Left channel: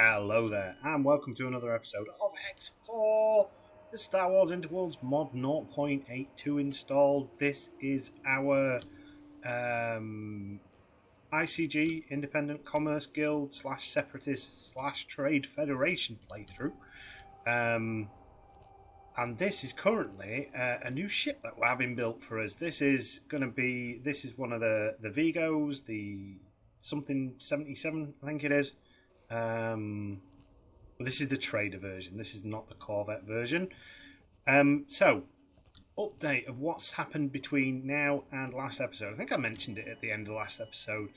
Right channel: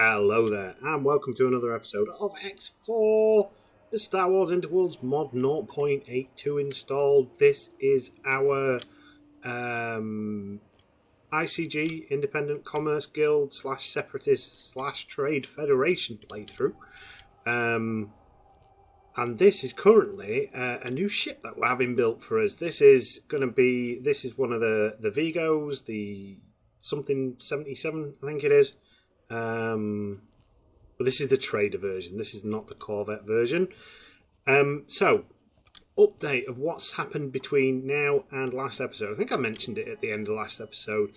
Hello there, and welcome to another episode of X4, the Star Wars Interworlds mod 0.82 installed. This is our ICG, Independent Commerce Guild / Separatist / Trade Federation playthrough. And this is currently a new ship that we're having built for us. This is one of the Vigos, the something 77, I think it is. But this is the trader version. This is not the Corvette version. So, update of what's happened between now and last episode. I think I mentioned it at the end of last episode.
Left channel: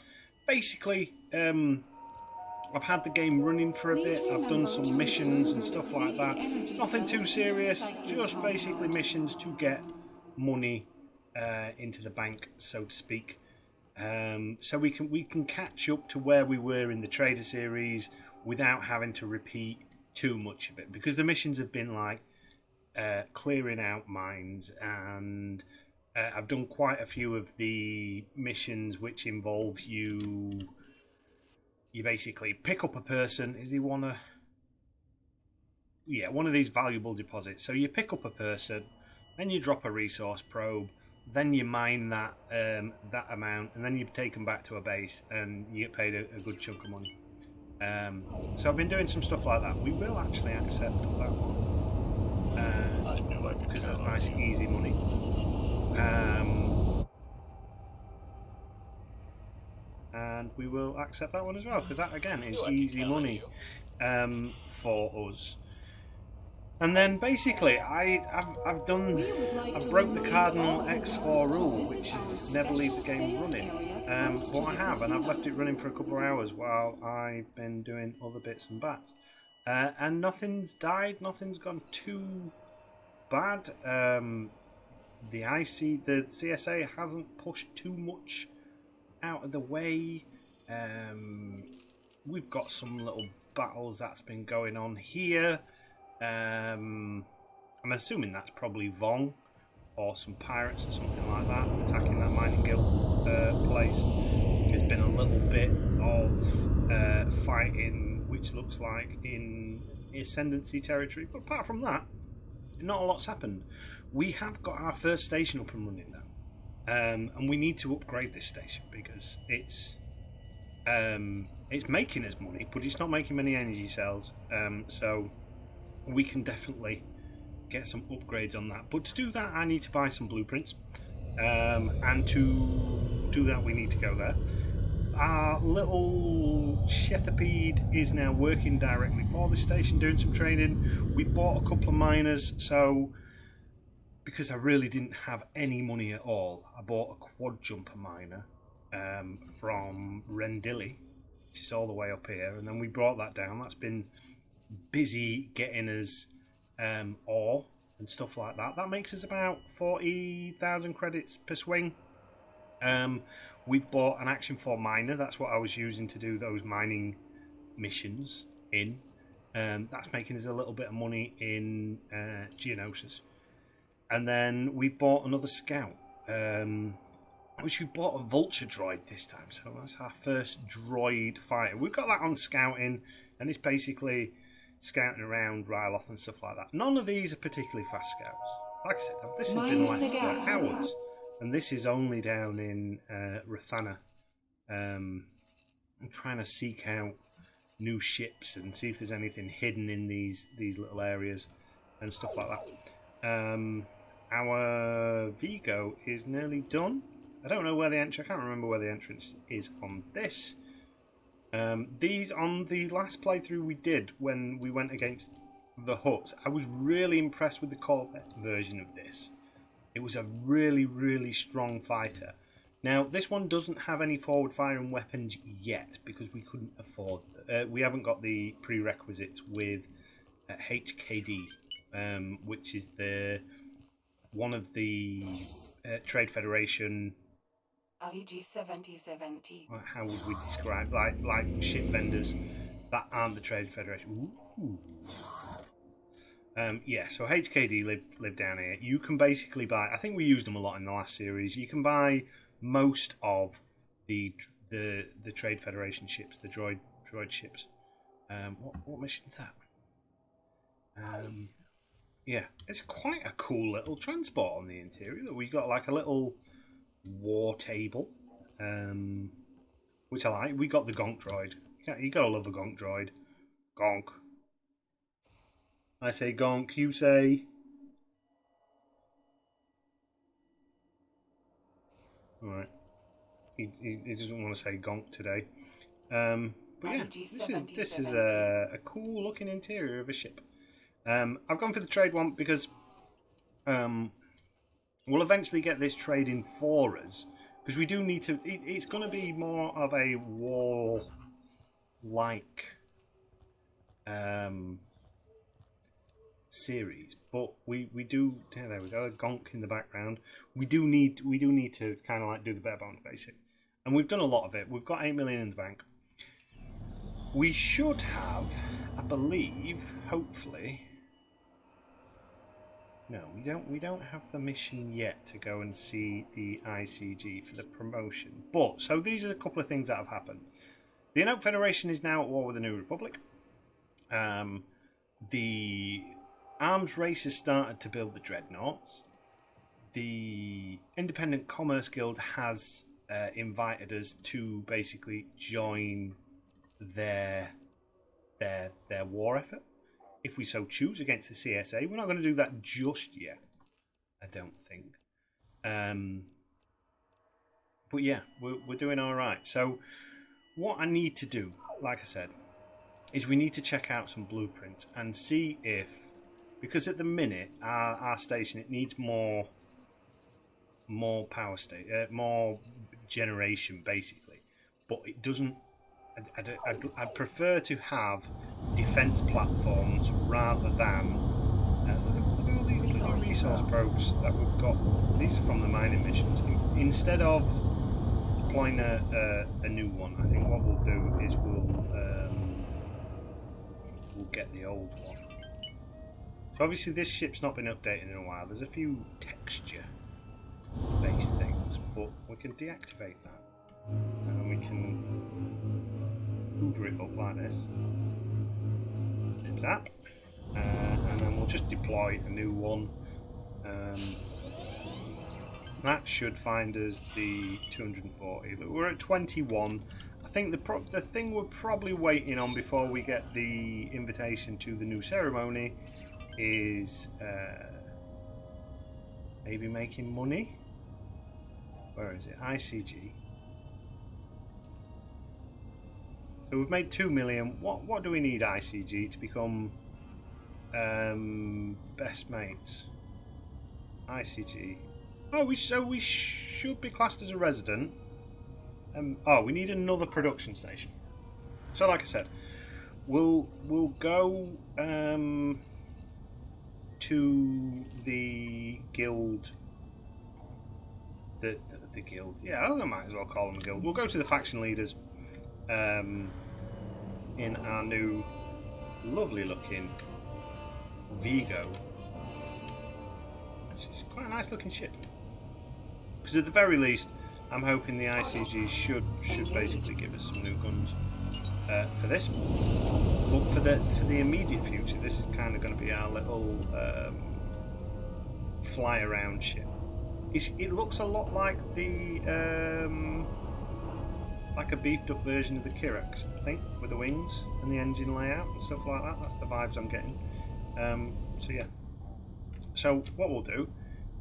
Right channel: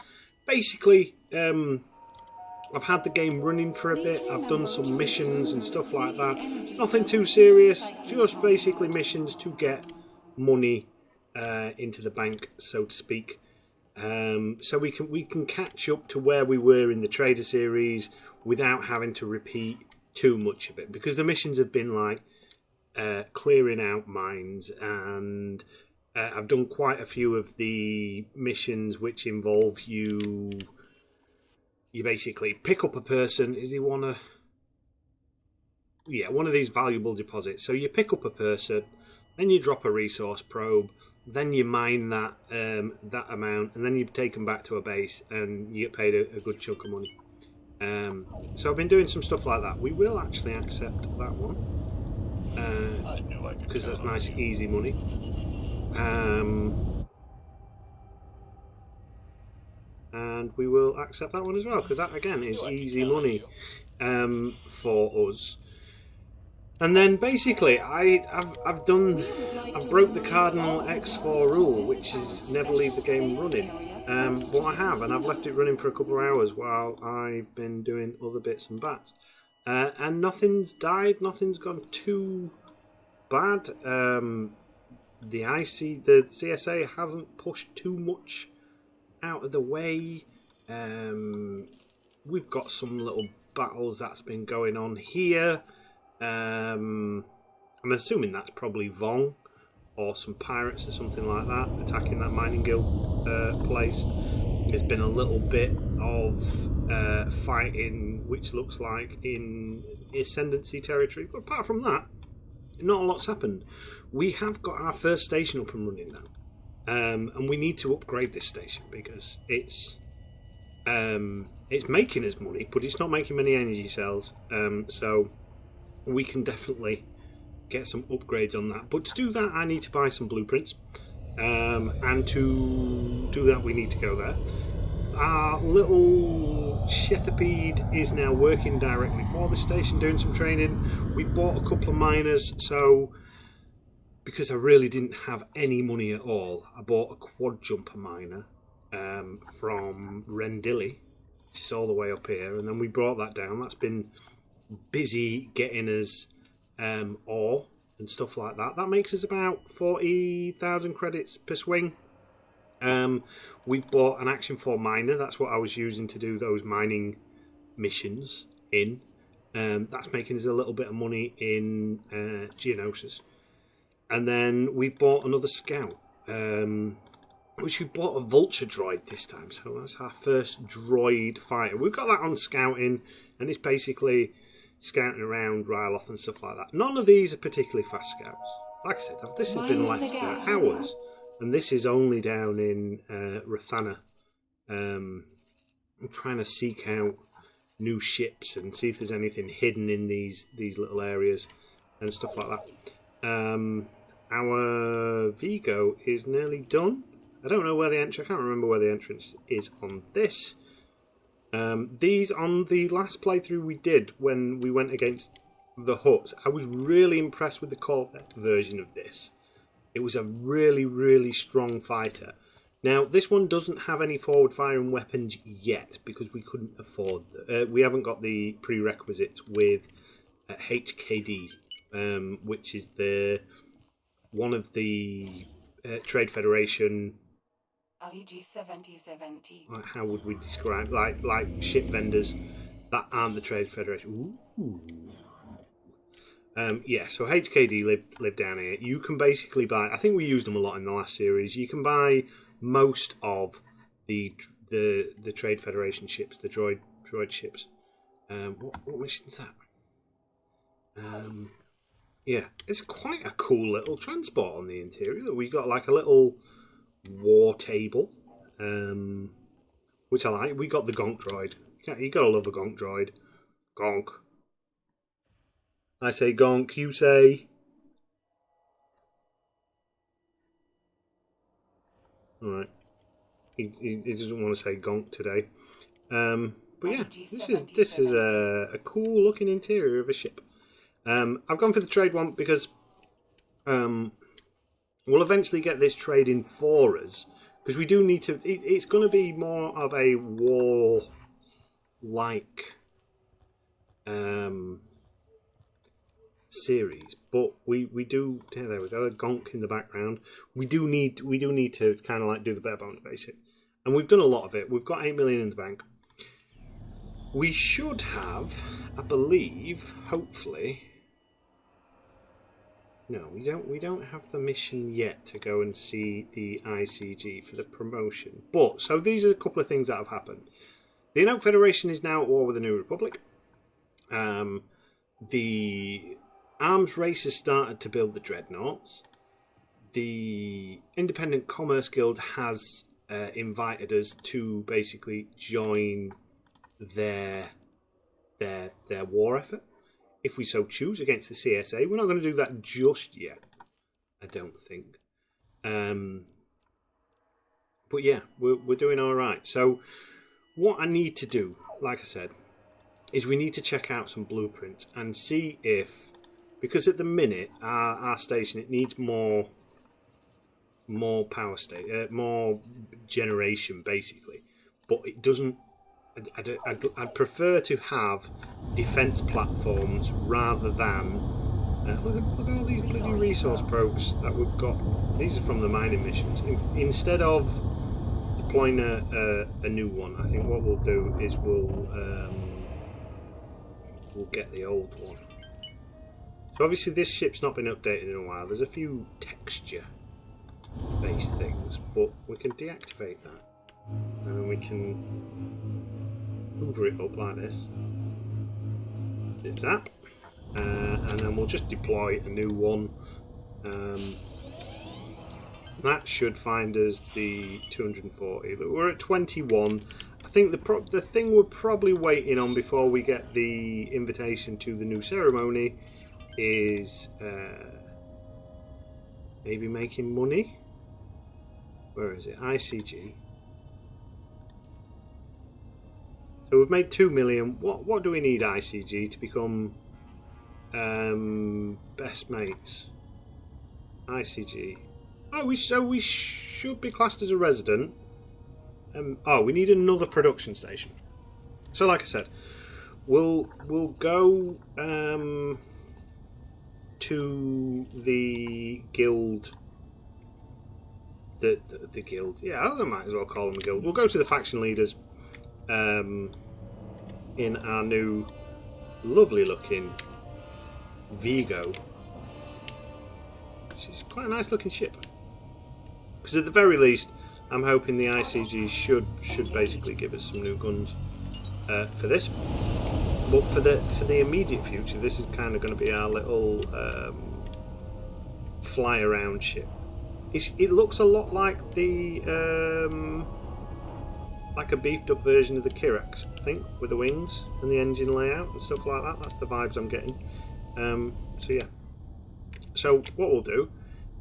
Basically, I've had the game running for a bit. I've done some missions and stuff like that. Nothing too serious. Just basically missions to get money into the bank, so to speak. So we can catch up to where we were in the Trader series without having to repeat too much of it, because the missions have been like clearing out mines, and I've done quite a few of the missions which involve you basically pick up a person. Is he one of these valuable deposits? So you pick up a person, then you drop a resource probe, then you mine that amount, and then you take them back to a base, and you get paid a good chunk of money. So I've been doing some stuff like that. We will actually accept that one because that's nice, easy money. And we will accept that one as well because that again is easy money for us. And then basically, I've broke the cardinal X4 rule, which is never leave the game running. But I have, and I've left it running for a couple of hours while I've been doing other bits and bats. And nothing's died, nothing's gone too bad. The CSA hasn't pushed too much out of the way. We've got some little battles that's been going on here. I'm assuming that's probably Vong or some pirates or something like that attacking that mining guild place. There's been a little bit of fighting, which looks like in Ascendancy territory, but apart from that, not a lot's happened. We have got our first station up and running now, and we need to upgrade this station because it's making us money, but it's not making many energy cells. So we can definitely get some upgrades on that. But to do that, I need to buy some blueprints. And to do that, we need to go there. Our little Shethapede is now working directly for the station, doing some training. We bought a couple of miners, so because I really didn't have any money at all, I bought a quad jumper miner from Rendilly, which is all the way up here, and then we brought that down. That's been busy getting us ore and stuff like that. That makes us about 40,000 credits per swing. We've bought an Action 4 miner. That's what I was using to do those mining missions in. That's making us a little bit of money in Geonosis. And then we bought another scout, which we bought a vulture droid this time. So that's our first droid fighter. We've got that on scouting, and it's basically scouting around Ryloth and stuff like that. None of these are particularly fast scouts. Like I said, this has been left for hours, and this is only down in Rathana. I'm trying to seek out new ships and see if there's anything hidden in these little areas and stuff like that. Our Vigo is nearly done. I don't know where the entrance. I can't remember where the entrance is on this. These on the last playthrough we did when we went against the Hutt, I was really impressed with the Corvette version of this. It was a really, really strong fighter. Now, this one doesn't have any forward firing weapons yet because we couldn't afford we haven't got the prerequisites with HKD, which is one of the Trade Federation. ICG02. How would we describe like ship vendors that aren't the Trade Federation? Ooh. Yeah, so HKD live down here. You can basically buy. I think we used them a lot in the last series. You can buy most of the Trade Federation ships, the droid ships. What mission is that? Yeah, it's quite a cool little transport on the interior. We got like a little war table, which I like. We got the Gonk droid. You gotta love a Gonk droid. Gonk. I say Gonk. You say. All right. He doesn't want to say Gonk today. But yeah, this is a cool looking interior of a ship. I've gone for the trade one because we'll eventually get this trade in for us, because we do need to. It's going to be more of a war like series, but we do. Yeah, there we go. A Gonk in the background. We do need to kind of like do the bare bones basic, and we've done a lot of it. We've got 8 million in the bank. We should have, I believe, hopefully. No, we don't have the mission yet to go and see the ICG for the promotion. But so these are a couple of things that have happened. The Enoch Federation is now at war with the New Republic. The arms race has started to build the dreadnoughts. The Independent Commerce Guild has invited us to basically join their war effort, if we so choose, against the CSA. We're not going to do that just yet, I don't think. But yeah, we're doing all right. So what I need to do, like I said, is we need to check out some blueprints and see if, because at the minute our station, it needs more power more generation basically, but it doesn't. I'd prefer to have defense platforms rather than look at all these bloody resource probes that we've got. These are from the mining missions. Instead of deploying a new one, I think what we'll do is we'll get the old one. So obviously this ship's not been updated in a while. There's a few texture based things, but we can deactivate that and we can hoover it up like this. Zip zap. And then we'll just deploy a new one. That should find us the 240. We're at 21. I think the thing we're probably waiting on before we get the invitation to the new ceremony is maybe making money. Where is it? ICG. So we've made 2 million. What do we need ICG to become best mates? ICG. Oh, we should be classed as a resident. We need another production station. So, like I said, we'll go to the guild. The guild. Yeah, I might as well call them a guild. We'll go to the faction leaders. In our new lovely looking Vigo, which is quite a nice looking ship, because at the very least I'm hoping the ICG should basically give us some new guns for this, but for the immediate future this is kind of going to be our little fly around ship. It looks a lot like the like a beefed up version of the Kirax, I think, with the wings and the engine layout and stuff like that. That's the vibes I'm getting. So yeah. So what we'll do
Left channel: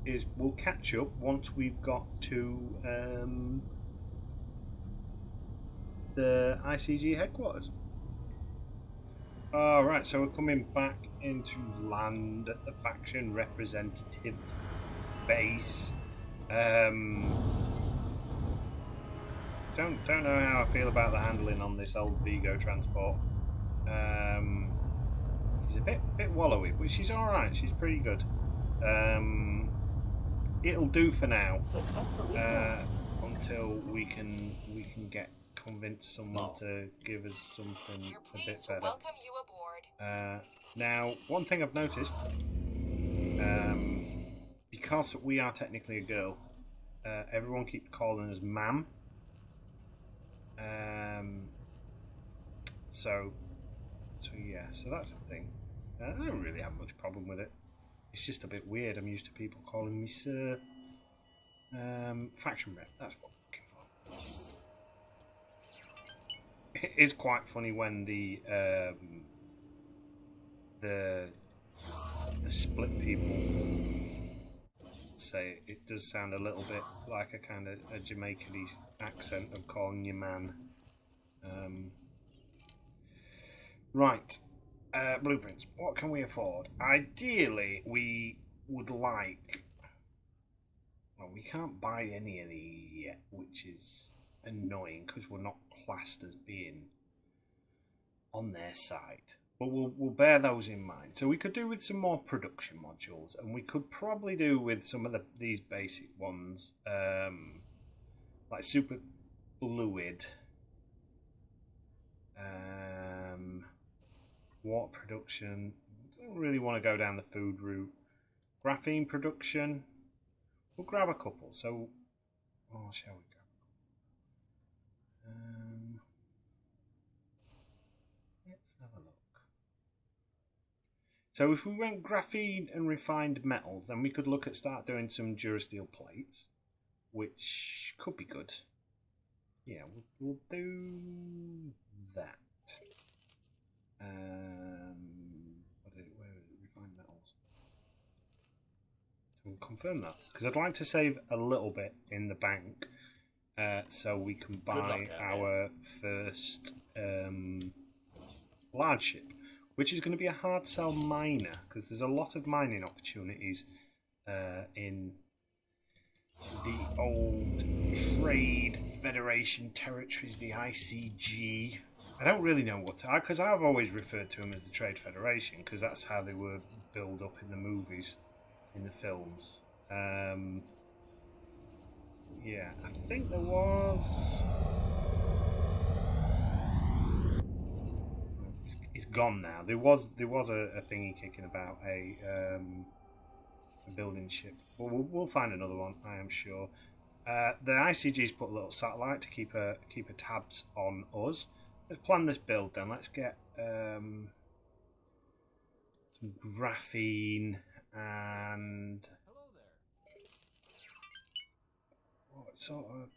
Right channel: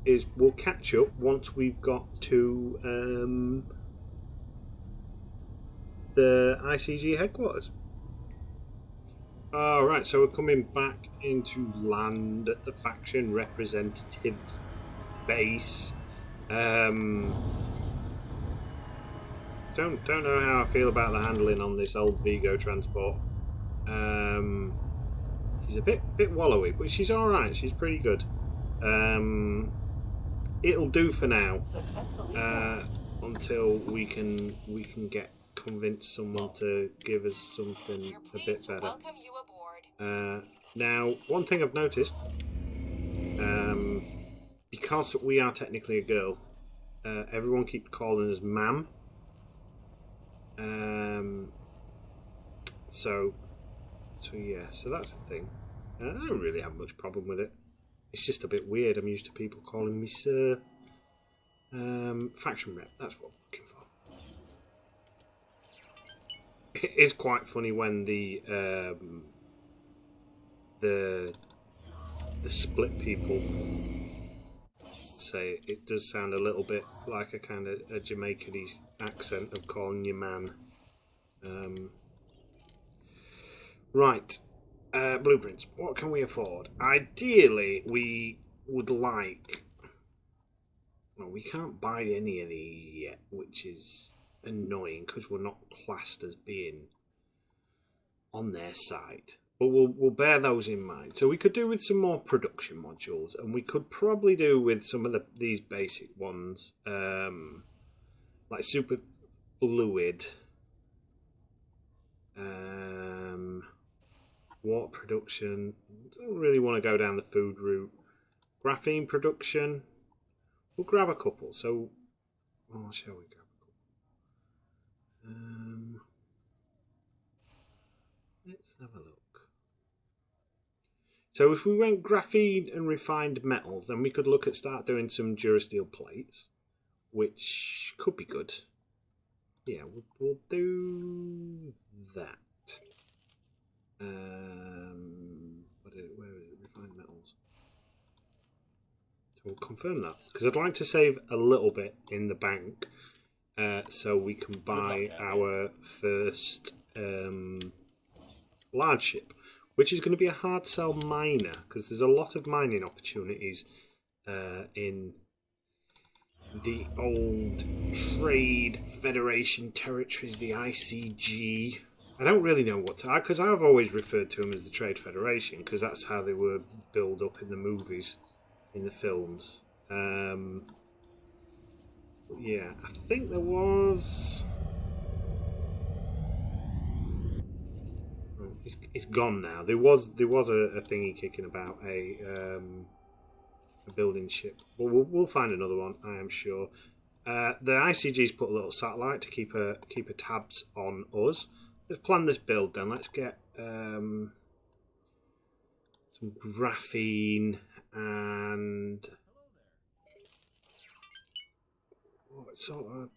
is we'll catch up once we've got to the ICG headquarters. Alright, so we're coming back into land at the faction representatives base. Don't know how I feel about the handling on this old Vigo transport. She's a bit wallowy, but she's all right. She's pretty good. It'll do for now until we can convince someone to give us something a bit better. Welcome you aboard. Now, one thing I've noticed, because we are technically a girl, everyone keeps calling us ma'am. So So yeah, so that's the thing. I don't really have much problem with it. It's just a bit weird. I'm used to people calling me Sir. Faction rep. That's what I'm looking for. It is quite funny when the split people say it does sound a little bit like a kind of a Jamaican accent of calling you man. Right, blueprints. What can we afford? Ideally, we would like. Well, we can't buy any of these yet, which is annoying because we're not classed as being on their side. But we'll bear those in mind. So we could do with some more production modules, and we could probably do with some of these basic ones, like super fluid, water production. Don't really want to go down the food route. Graphene production. We'll grab a couple. So, shall we grab a couple? Let's have a look. So if we went graphene and refined metals, then we could look at start doing some Durasteel plates, which could be good. Yeah, we'll do that. Where is it? Refined metals. So we'll confirm that because I'd like to save a little bit in the bank, so we can buy our first large ship, which is going to be a hard sell miner because there's a lot of mining opportunities in the old Trade Federation territories, the ICG. I don't really know what to, because I've always referred to them as the Trade Federation because that's how they were built up in the movies, in the films. Yeah, I think there was. It's gone now. There was a thingy kicking about a building ship. But we'll find another one, I am sure. The ICG's put a little satellite to keep a tabs on us. Let's plan this build then. Let's get some graphene and what sort of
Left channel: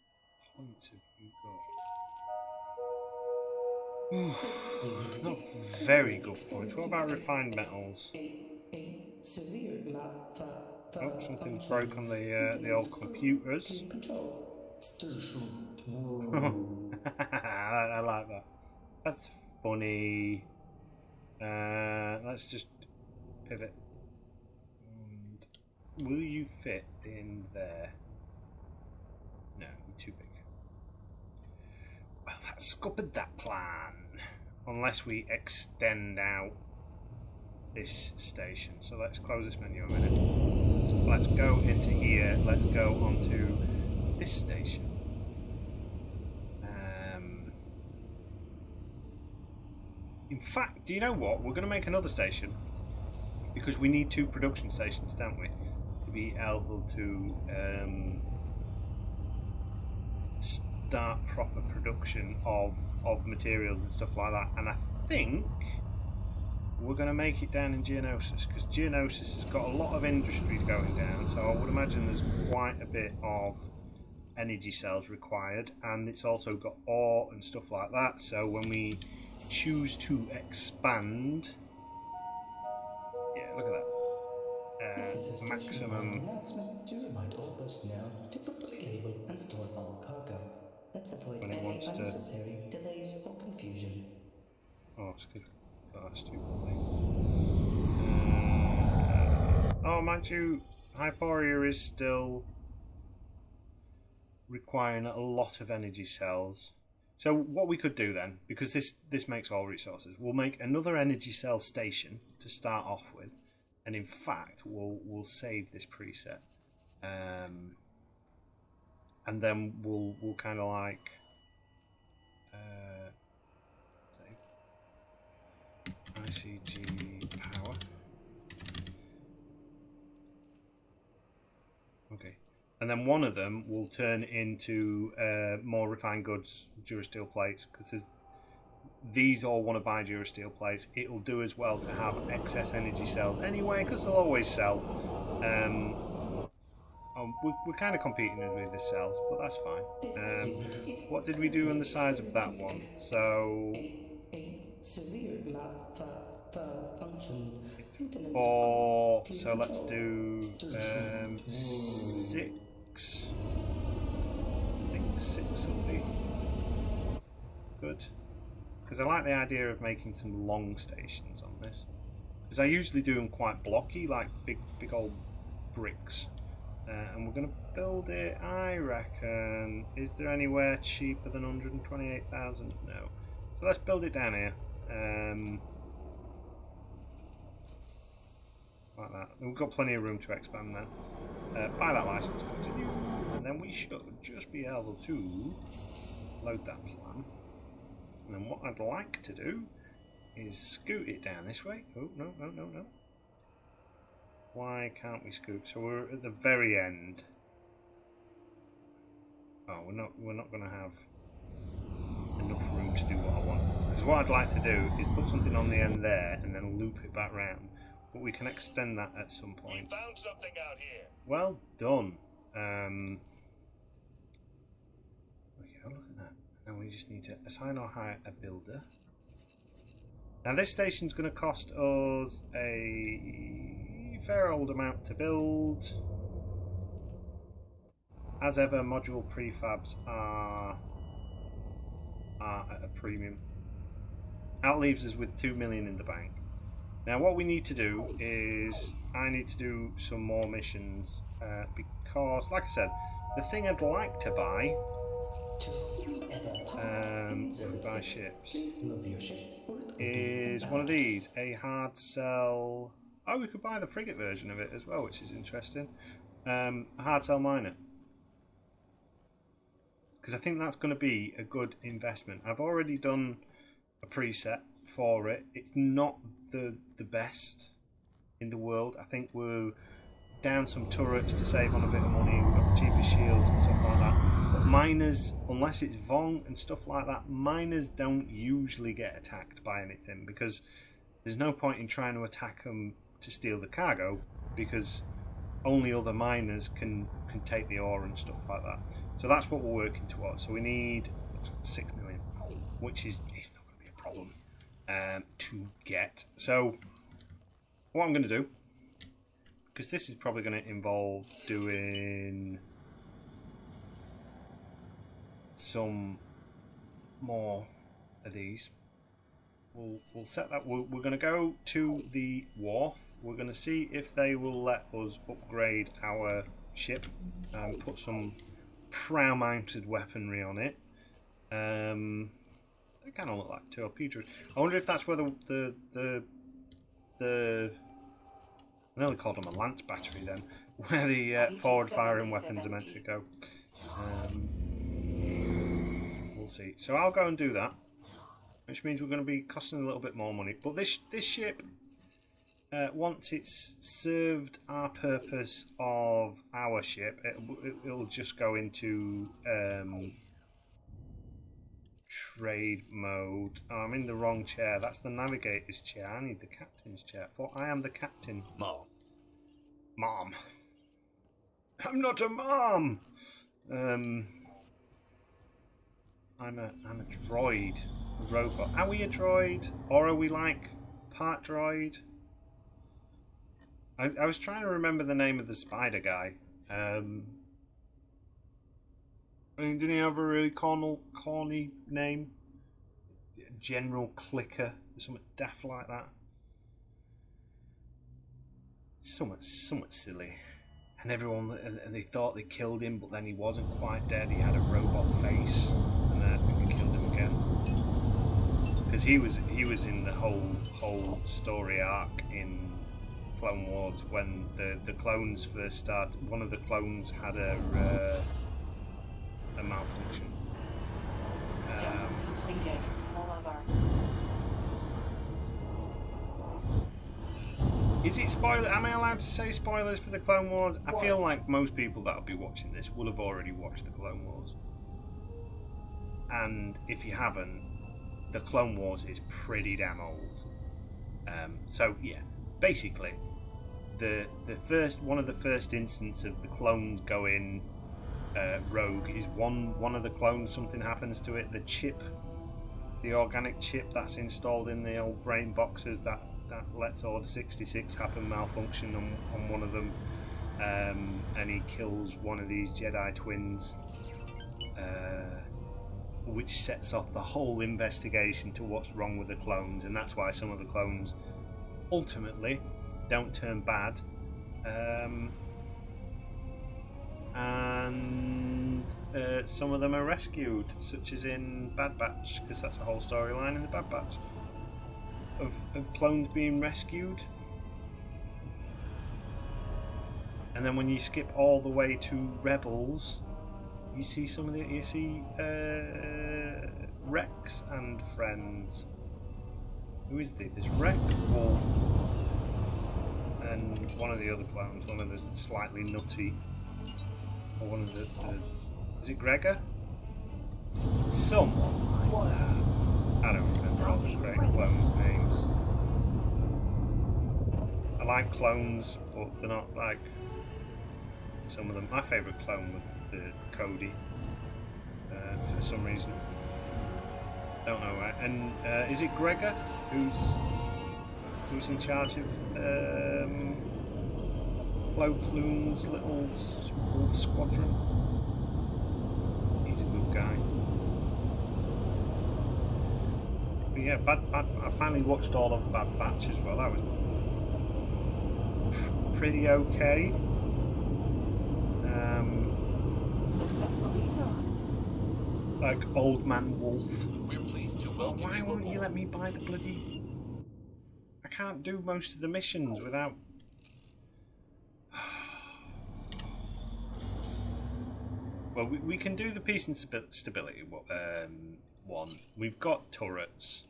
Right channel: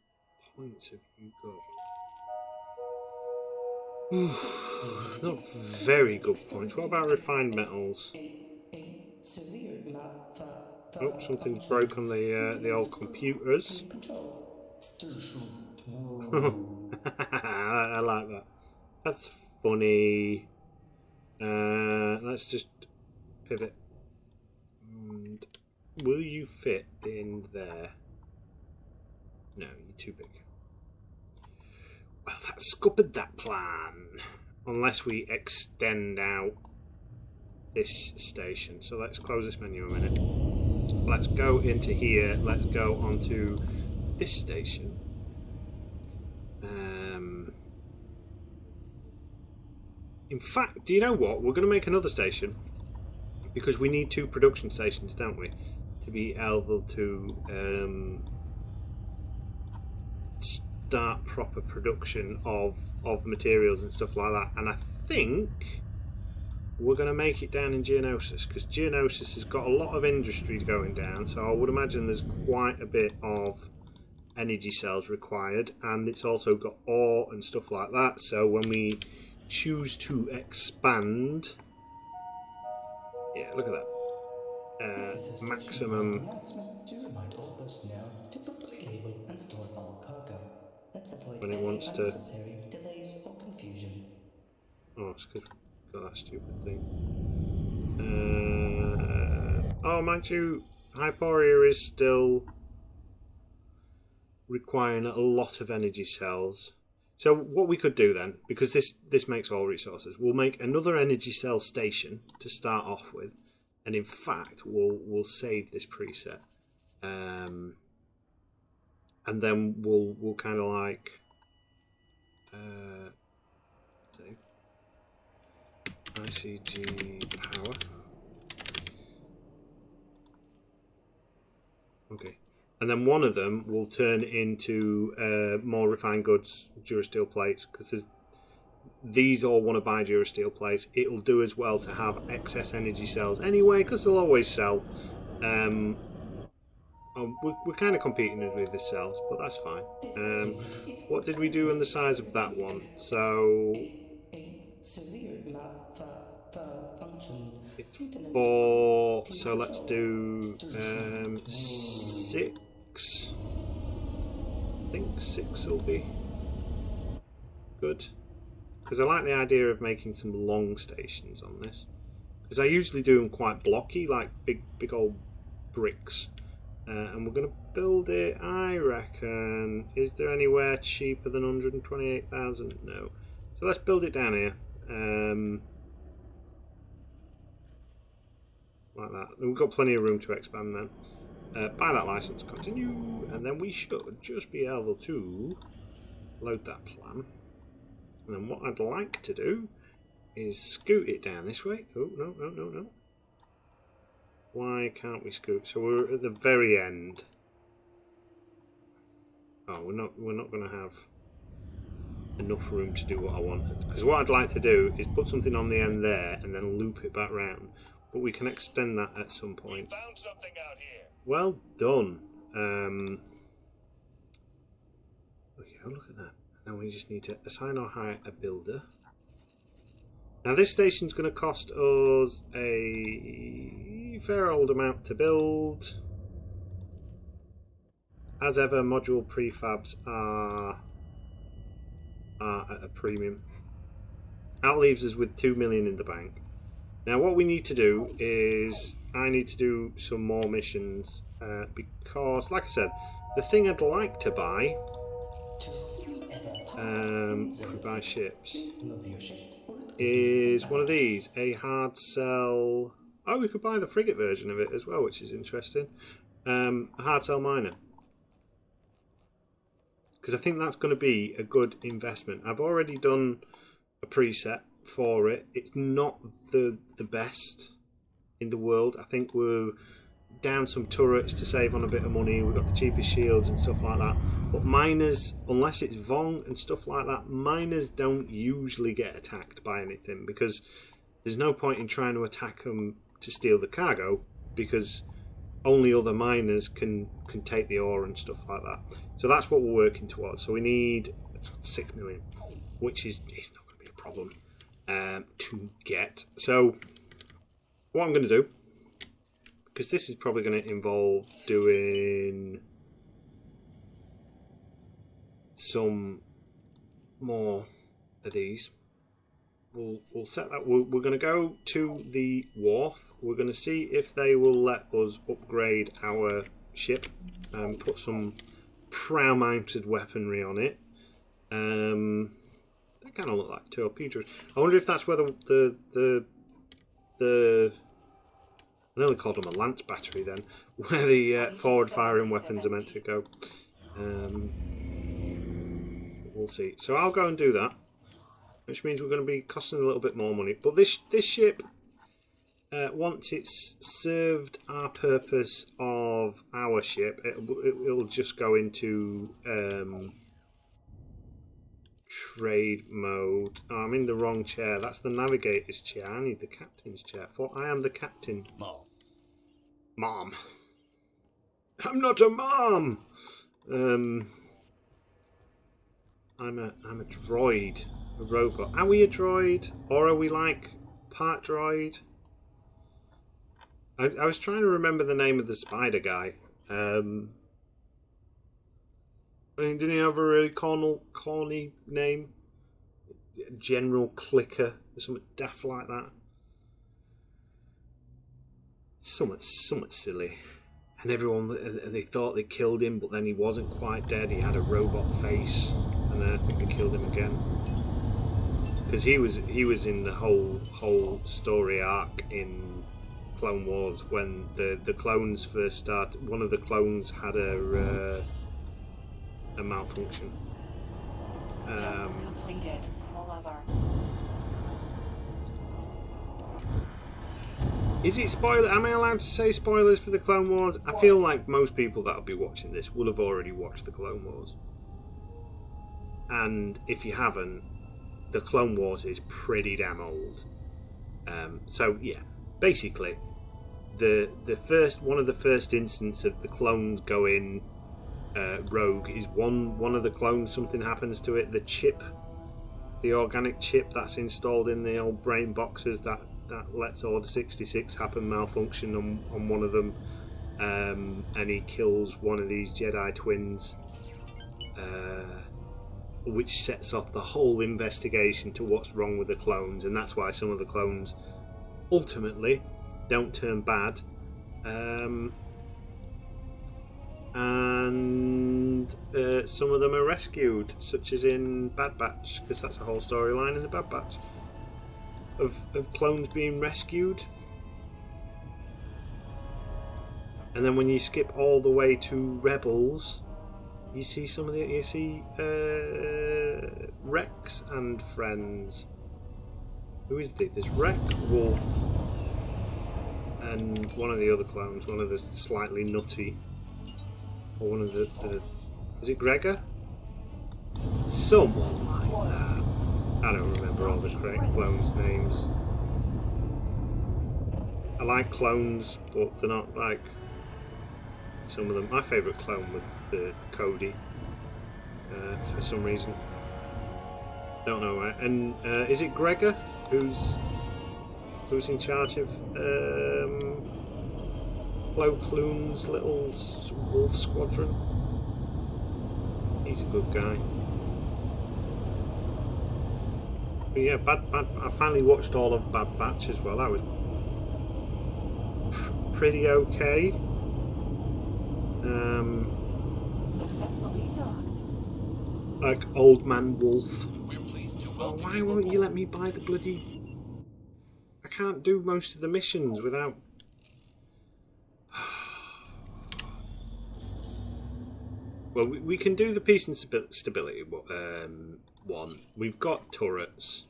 points have you got? Not very good points. What about refined metals? Oh, something's broke on the old computers. I like that. That's funny. Let's just pivot. And will you fit in there? No, you're too big. Well, that scuppered that plan. Unless we extend out this station. So let's close this menu a minute. Let's go into here. Let's go onto this station. In fact, do you know what? We're going to make another station because we need 2 production stations, don't we, to be able to start proper production of materials and stuff like that. And I think we're going to make it down in Geonosis because Geonosis has got a lot of industry going down, so I would imagine there's quite a bit of energy cells required, and it's also got ore and stuff like that. So when we choose to expand, yeah, look at that. This is a Maximum announcement to remind all personnel to properly label and store all cargo. Let's avoid when it any wants to. unnecessary delays or confusion. Oh, it's good. Got that stupid thing. Oh, mind you, Hyporia is still requiring a lot of energy cells. So what we could do then, because this makes all resources, we'll make another energy cell station to start off with, and in fact we'll save this preset, and then we'll kind of like save ICG power. Okay. And then one of them will turn into more refined goods, Durasteel plates, because these all want to buy Durasteel plates. It'll do as well to have excess energy cells anyway, because they'll always sell. We're kind of competing with the cells, but that's fine. What did we do on the size of that one? So severe malfunction. it's 4. So let's do 6. I think 6 will be good, because I like the idea of making some long stations on this, because I usually do them quite blocky, like big old bricks. And we're going to build it, I reckon. Is there anywhere cheaper than 128,000? No. So let's build it down here. Like that. And we've got plenty of room to expand then. Buy that license, continue. And then we should just be able to load that plan. And then what I'd like to do is scoot it down this way. Oh, no. Why can't we scoot? So we're at the very end. Oh, we're not going to have enough room to do what I want. Because what I'd like to do is put something on the end there and then loop it back round. But we can extend that at some point. We found something out here. Well done. Okay, look at that. Now we just need to assign or hire a builder. Now this station's going to cost us a fair old amount to build. As ever, module prefabs are at a premium. That leaves us with 2 million in the bank. Now what we need to do is I need to do some more missions because, like I said, the thing I'd like to buy buy ships is one of these, a hard sell. Oh, we could buy the frigate version of it as well, which is interesting. A hard sell miner, because I think that's going to be a good investment. I've already done a preset for it. It's not the best in the world. I think we're down some turrets to save on a bit of money. We've got the cheapest shields and stuff like that. But miners, unless it's Vong and stuff like that, miners don't usually get attacked by anything, because there's no point in trying to attack them to steal the cargo, because only other miners can take the ore and stuff like that. So that's what we're working towards. So we need 6 million, which is not going to be a problem to get. So what I'm going to do, because this is probably going to involve doing some more of these. We'll set that. We're going to go to the wharf. We're going to see if they will let us upgrade our ship and put some prow-mounted weaponry on it. They kind of look like torpedoes. I wonder if that's where the I nearly called them a lance battery then, where the forward-firing weapons are meant to go. We'll see. So I'll go and do that, which means we're going to be costing a little bit more money. But this ship, once it's served our purpose of our ship, it'll just go into trade mode. Oh, I'm in the wrong chair. That's the navigator's chair. I need the captain's chair. For I am the captain. Mom. I'm not a mom. I'm a droid, a robot. Are we a droid, or are we like part droid? I was trying to remember the name of the spider guy. I mean, didn't he have a really corny name? General Clicker or something daft like that. Somewhat silly. And they thought they killed him, but then he wasn't quite dead. He had a robot face, and I think they killed him again. Because he was in the whole story arc in Clone Wars when the clones first started. One of the clones had a malfunction. Completed. All over. Is it spoiler? Am I allowed to say spoilers for the Clone Wars? I feel like most people that will be watching this will have already watched the Clone Wars. And if you haven't, the Clone Wars is pretty damn old. So yeah, basically, one of the first instances of the clones going rogue is one of the clones. Something happens to it. The chip, the organic chip that's installed in the old brain boxes that lets Order 66 happen malfunction on one of them, and he kills one of these Jedi twins. Which sets off the whole investigation to what's wrong with the clones, and that's why some of the clones ultimately don't turn bad, and some of them are rescued, such as in Bad Batch, because that's a whole storyline in the Bad Batch of clones being rescued. And then when you skip all the way to Rebels, you see Rex and friends. Who is there? There's Rex, Wolf, and one of the other clones, one of the slightly nutty, or one of the is it Gregor? Someone like that. I don't remember all the great clones' names. I like clones, but they're not like some of them. My favourite clone was the Cody, for some reason. Don't know. And is it Gregor who's in charge of Plo Koon's little wolf squadron? He's a good guy. But yeah, I finally watched all of Bad Batch as well. That was pretty okay. Successfully docked. Like Old Man Wolf. We're pleased to welcome Why you won't you aboard. let me buy the bloody... I can't do most of the missions without... Well, we can do the peace and stability one. We've got turrets.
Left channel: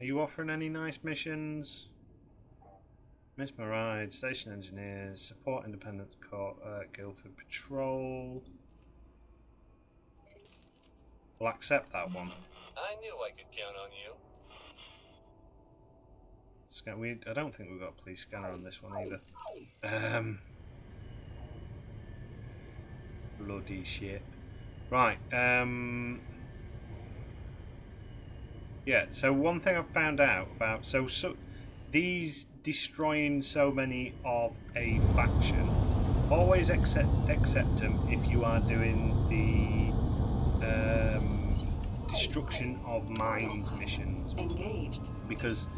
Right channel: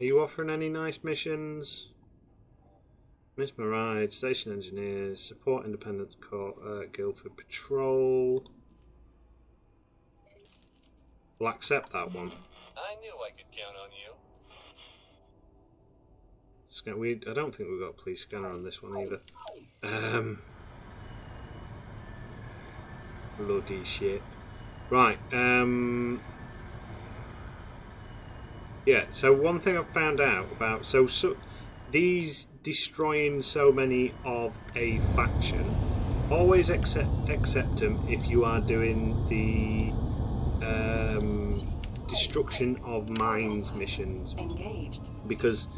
Are you offering any nice missions? Miss Maride, Station Engineers, Support Independent Guildford Patrol. We'll accept that one. I knew I could count on you. I don't think we've got a police scanner on this one either. Bloody shit. Right. Yeah. So one thing I've found out about so these destroying so many of a faction. Always accept them if you are doing the destruction of mines missions. Engaged. Because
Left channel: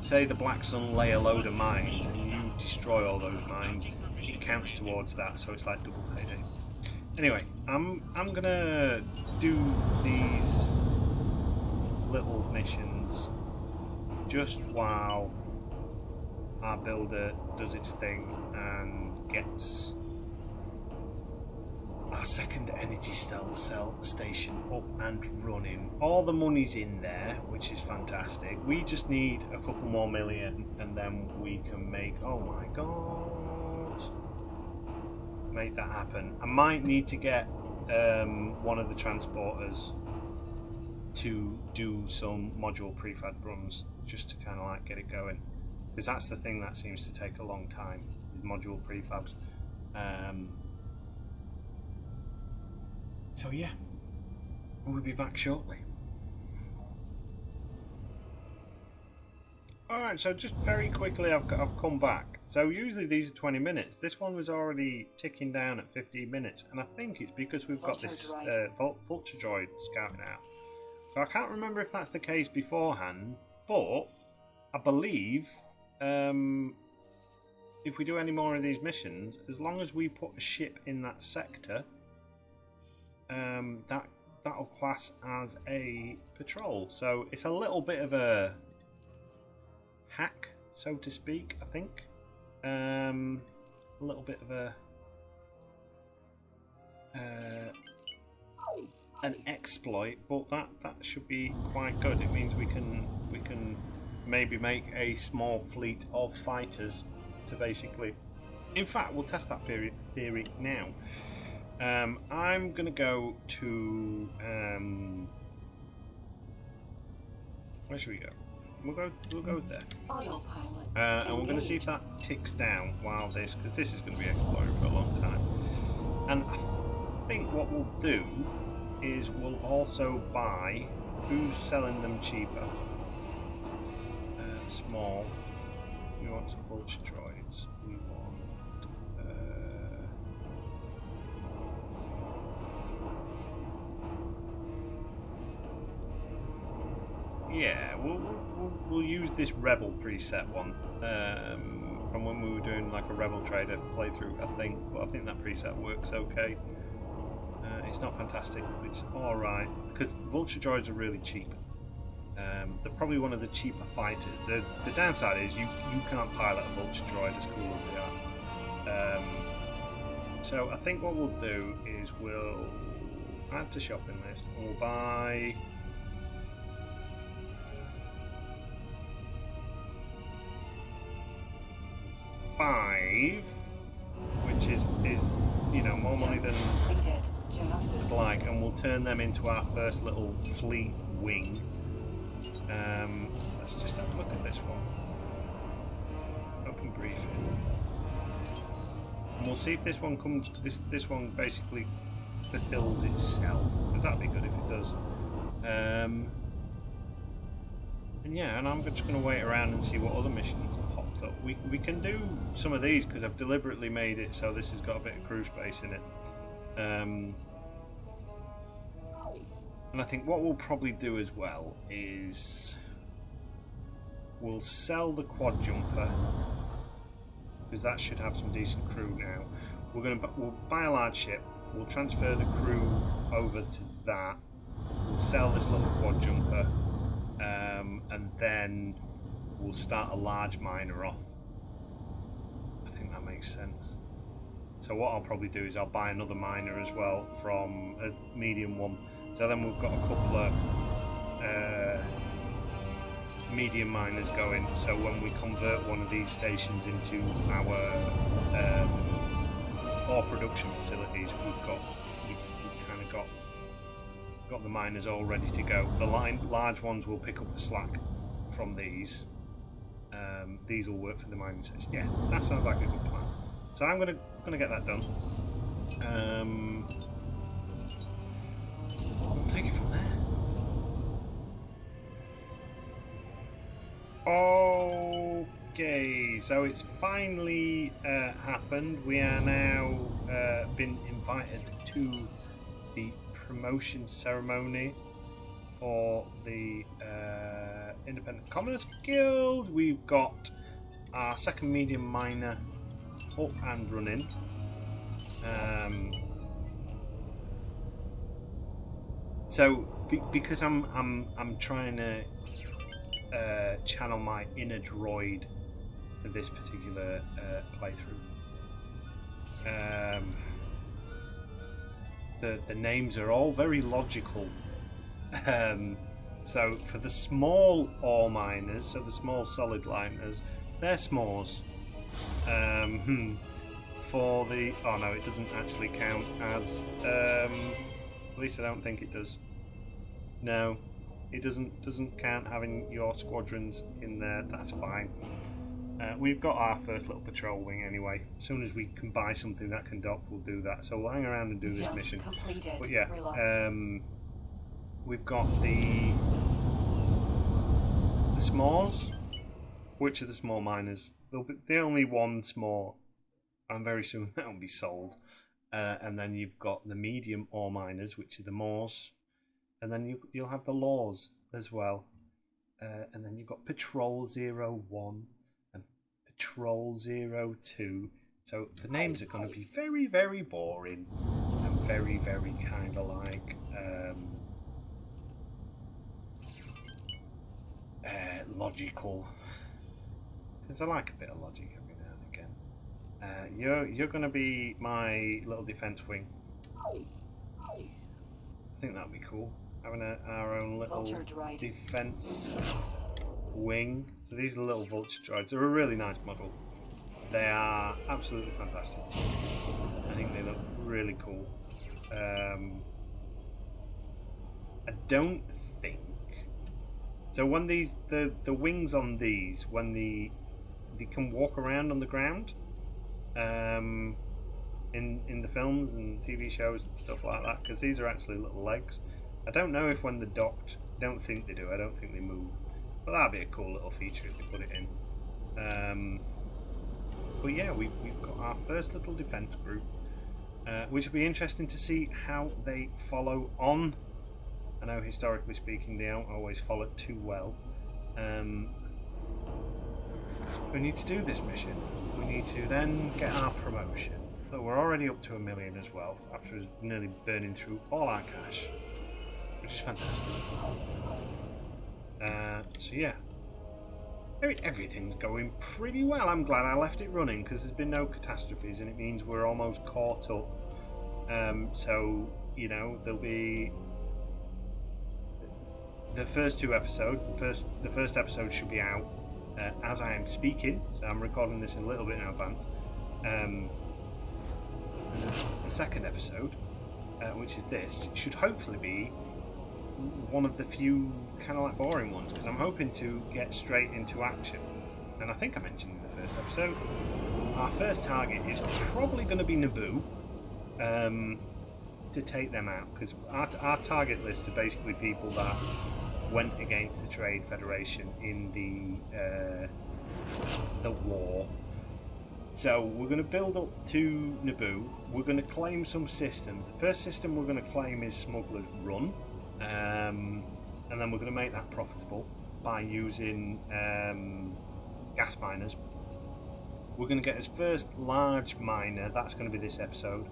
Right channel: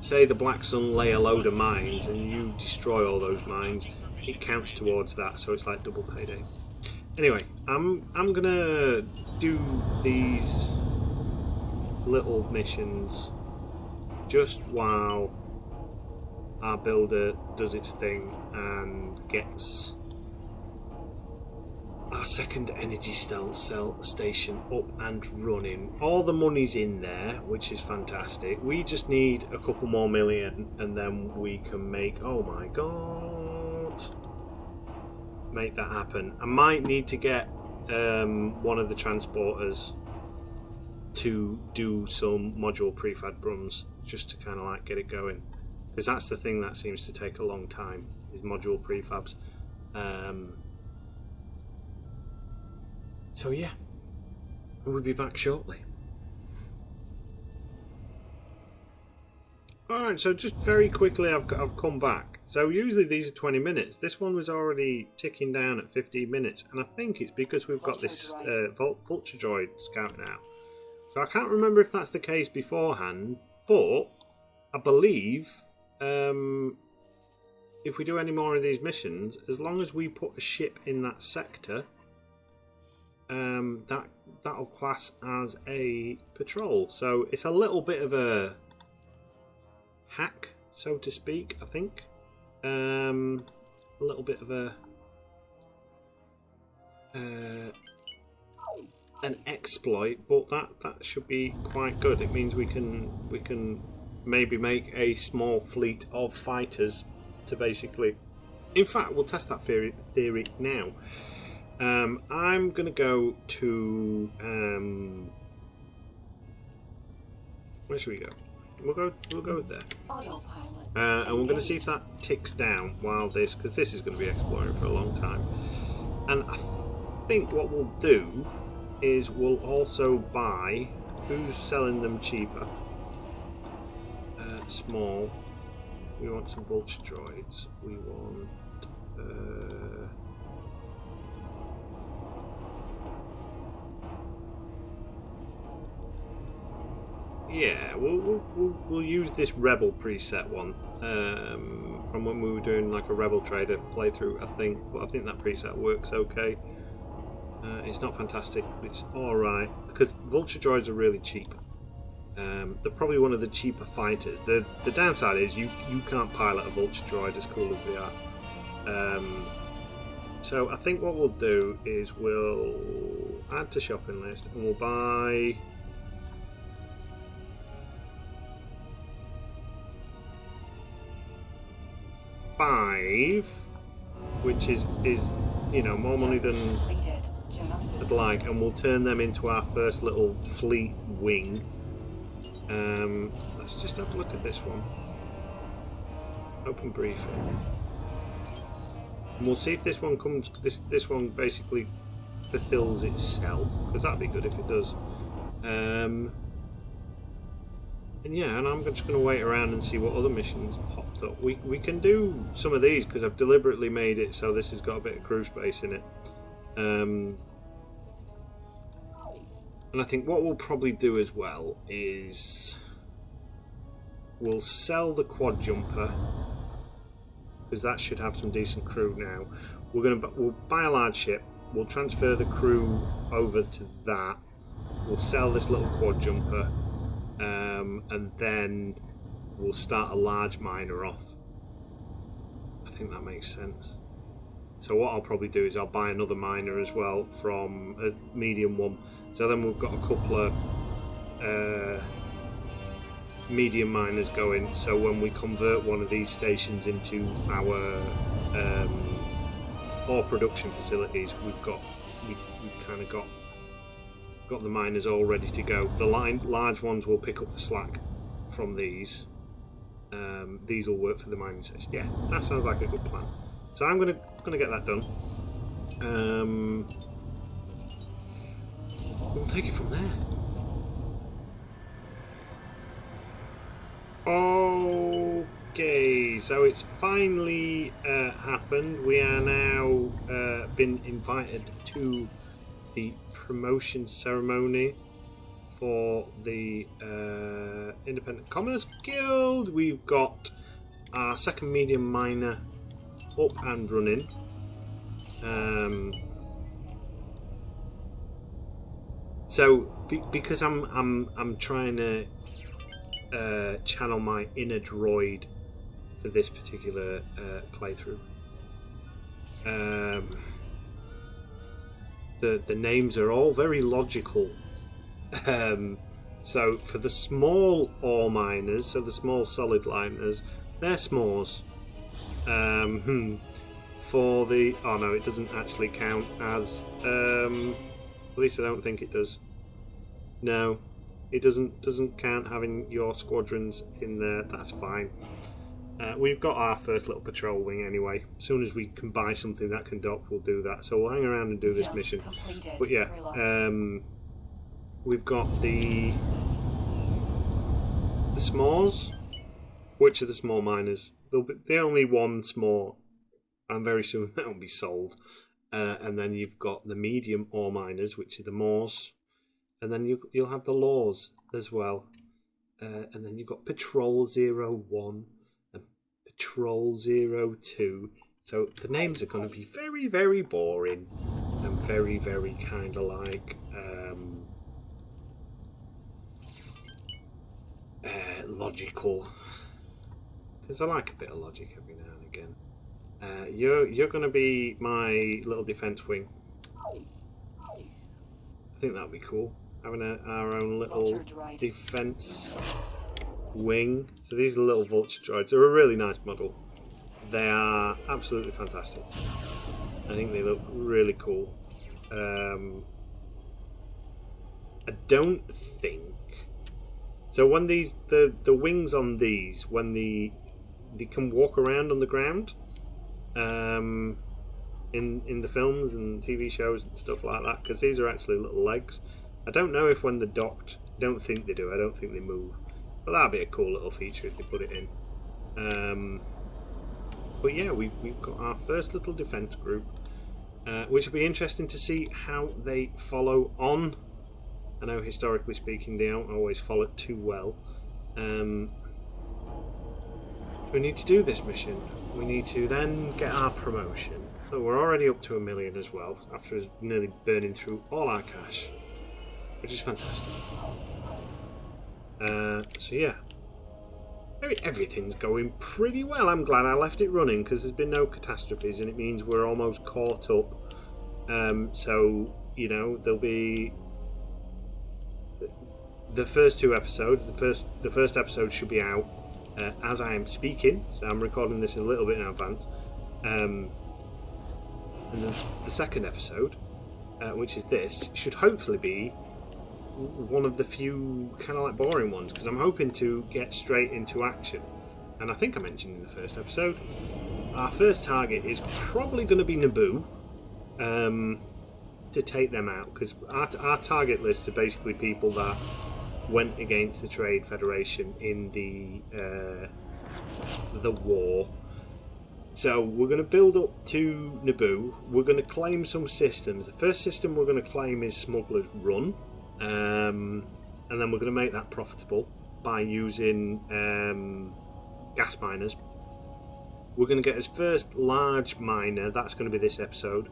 say the Black Sun lay a load of mines and you destroy all those mines, it counts towards that, so it's like double payday. Anyway, I'm gonna do these little missions just while our builder does its thing and gets our second energy cell station up and running. All the money's in there, which is fantastic. We just need a couple more million and then we can make, oh my god, make that happen. I might need to get one of the transporters to do some module prefab runs just to kind of like get it going, because that's the thing that seems to take a long time, is module prefabs. So yeah, we'll be back shortly. Alright, so just very quickly I've come back. So usually these are 20 minutes. This one was already ticking down at 15 minutes, and I think it's because we've got this Vulture Droid scouting out. So I can't remember if that's the case beforehand, but I believe if we do any more of these missions, as long as we put a ship in that sector, that'll class as a patrol. So it's a little bit of a hack, so to speak, I think. A little bit of an exploit, but that should be quite good. It means we can maybe make a small fleet of fighters to basically, in fact we'll test that theory now. I'm gonna go to Where should we go? We'll go there. Autopilot. And we're going to see if that ticks down while this, because this is going to be exploring for a long time. And I think what we'll do is we'll also buy. Who's selling them cheaper? Small. We want some vulture droids. We want. Yeah, we'll use this Rebel preset one from when we were doing like a Rebel Trader playthrough. I think that preset works okay. It's not fantastic, but it's all right because vulture droids are really cheap. They're probably one of the cheaper fighters. The downside is you can't pilot a vulture droid as cool as they are. So I think what we'll do is we'll add to shopping list and we'll buy. Five, which is more money than I'd like, and we'll turn them into our first little fleet wing. Let's just have a look at this one. Open briefing, and we'll see if this one comes. This one basically fulfills itself, because that'd be good if it does. And yeah, and I'm just going to wait around and see what other missions popped up. We can do some of these because I've deliberately made it so this has got a bit of crew space in it. And I think what we'll probably do as well is we'll sell the quad jumper because that should have some decent crew now. We'll buy a large ship. We'll transfer the crew over to that. We'll sell this little quad jumper. And then we'll start a large miner off. I think that makes sense. So what I'll probably do is I'll buy another miner as well from a medium one. So then we've got a couple of medium miners going. So when we convert one of these stations into our ore production facilities, we've kind of got the miners all ready to go. The large ones will pick up the slack from these. These will work for the mining station. Yeah, that sounds like a good plan. So I'm gonna get that done. We'll take it from there. Okay, so it's finally happened. We are now been invited to the promotion ceremony for the Independent Commerce Guild. We've got our second medium miner up and running. So because I'm trying to channel my inner droid for this particular playthrough. The names are all very logical. So for the small ore miners, so the small solid liners, they're s'mores. For the it doesn't actually count as at least I don't think it does. No, it doesn't count having your squadrons in there. That's fine. We've got our first little patrol wing anyway. As soon as we can buy something that can dock, we'll do that. So we'll hang around and do this mission. But yeah, we've got the s'mores, which are the small miners. There'll be the only one s'more, and very soon that'll be sold. And then you've got the medium ore miners, which are the Moors, and then you'll have the Laws as well. And then you've got Patrol 01 and Patrol 02. So the names are going to be very, very boring and very, very kind of like logical. Because I like a bit of logic every now and again. You're going to be my little defense wing. I think that'd be cool. Having our own little defense wing. So these are little vulture droids. They're a really nice model. They are absolutely fantastic. I think they look really cool. I don't think So when the wings on these, when they can walk around on the ground, in the films and TV shows and stuff like that, because these are actually little legs. I don't know if when they're docked, I don't think they do. I don't think they move, but that'd be a cool little feature if they put it in. But yeah, we've got our first little defence group, which will be interesting to see how they follow on. I know historically speaking they don't always follow it too well. We need to do this mission. We need to then get our promotion. So we're already up to 1 million as well, after nearly burning through all our cash, which is fantastic. So yeah, everything's going pretty well. I'm glad I left it running because there's been no catastrophes, and it means we're almost caught up. So you know, there'll be the first 2 episodes. The first episode should be out as I am speaking, so I'm recording this a little bit in advance. And the second episode, which is this, should hopefully be one of the few kind of like boring ones, because I'm hoping to get straight into action. And I think I mentioned in the first episode, our first target is probably going to be Naboo, to take them out, because our target lists are basically people that went against the Trade Federation in the war. So we're going to build up to Naboo. We're going to claim some systems. The first system we're going to claim is Smuggler's Run, and then we're going to make that profitable by using gas miners. We're going to get his first large miner. That's going to be this episode,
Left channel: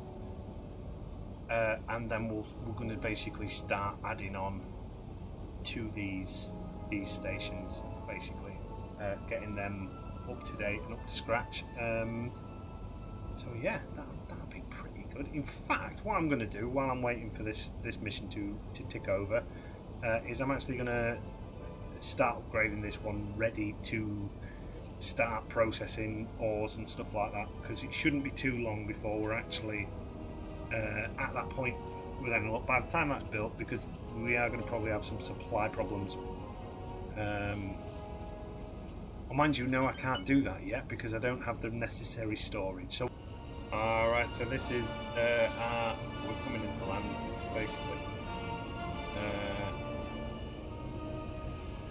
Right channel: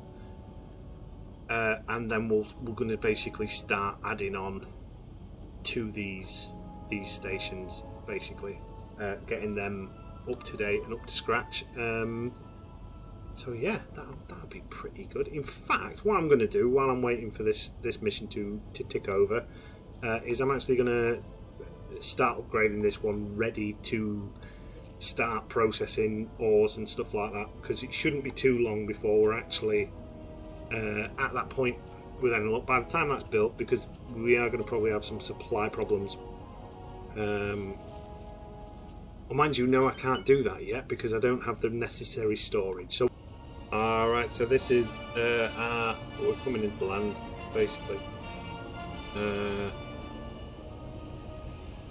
and then we're going to basically start adding on to these stations, basically getting them up to date and up to scratch. So yeah, that'll be pretty good. In fact, what I'm going to do while I'm waiting for this mission to tick over, is I'm actually going to start upgrading this one, ready to start processing ores and stuff like that, because it shouldn't be too long before we're actually at that point with any luck. By the time that's built, because we are going to probably have some supply problems. Well, mind you, no, I can't do that yet because I don't have the necessary storage. So, alright, so this is we're coming into land, basically.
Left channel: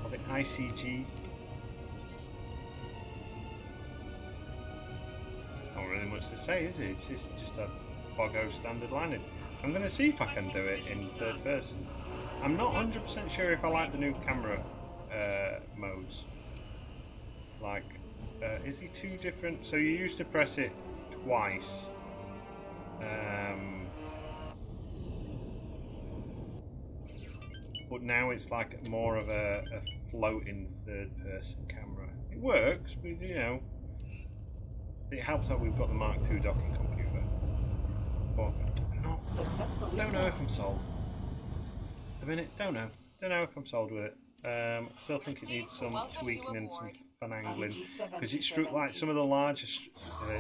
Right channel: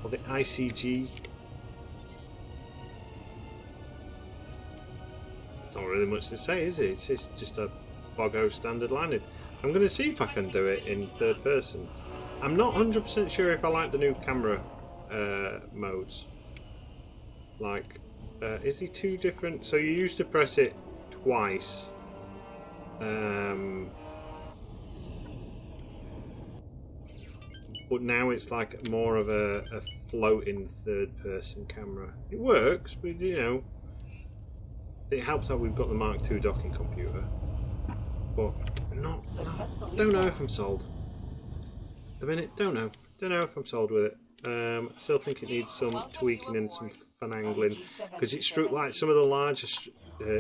The ICG. It's not really much to say, is it? It's just a Vigo standard landing. I'm going to see if I can do it in third person. I'm not 100% sure if I like the new camera modes. Like, is he 2 different? So you used to press it twice. But now it's like more of a floating third-person camera. It works, but you know, it helps that we've got the Mark II docking computer. But I don't know if I'm sold. A minute, don't know if I'm sold with it. I still think it needs some tweaking and some finagling, because it struck like some of the larger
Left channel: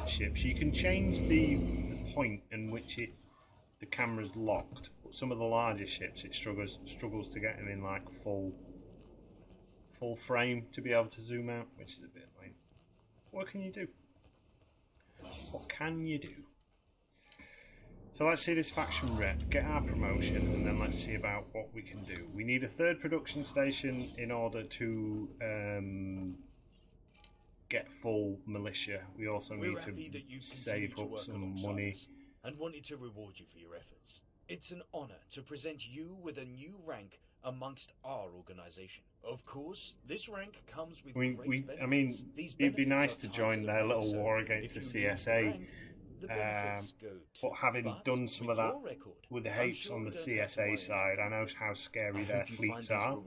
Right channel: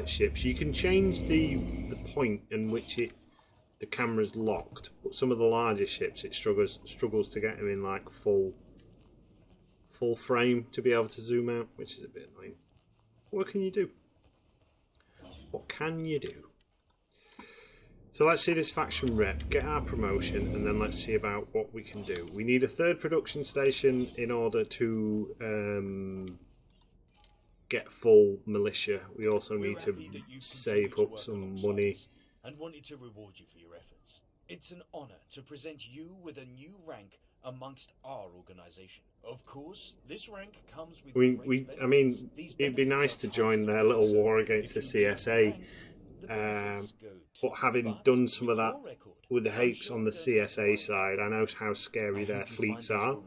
ships. You can change the point in which the camera's locked, but some of the larger ships it struggles to get them in like full frame to be able to zoom out, which is a bit annoying. What can you do? What can you do? So let's see this faction rep, get our promotion, and then let's see about what we can do. We need a 3rd production station in order to get full militia. We also need to save up some money. And wanted to reward you for your efforts. It's an honor to present you with a new rank amongst our organization. Of course, this rank comes with I mean, it'd be nice to join their little war against the CSA. But having done some of that with the Hapes on the CSA side, I know how scary their fleets are.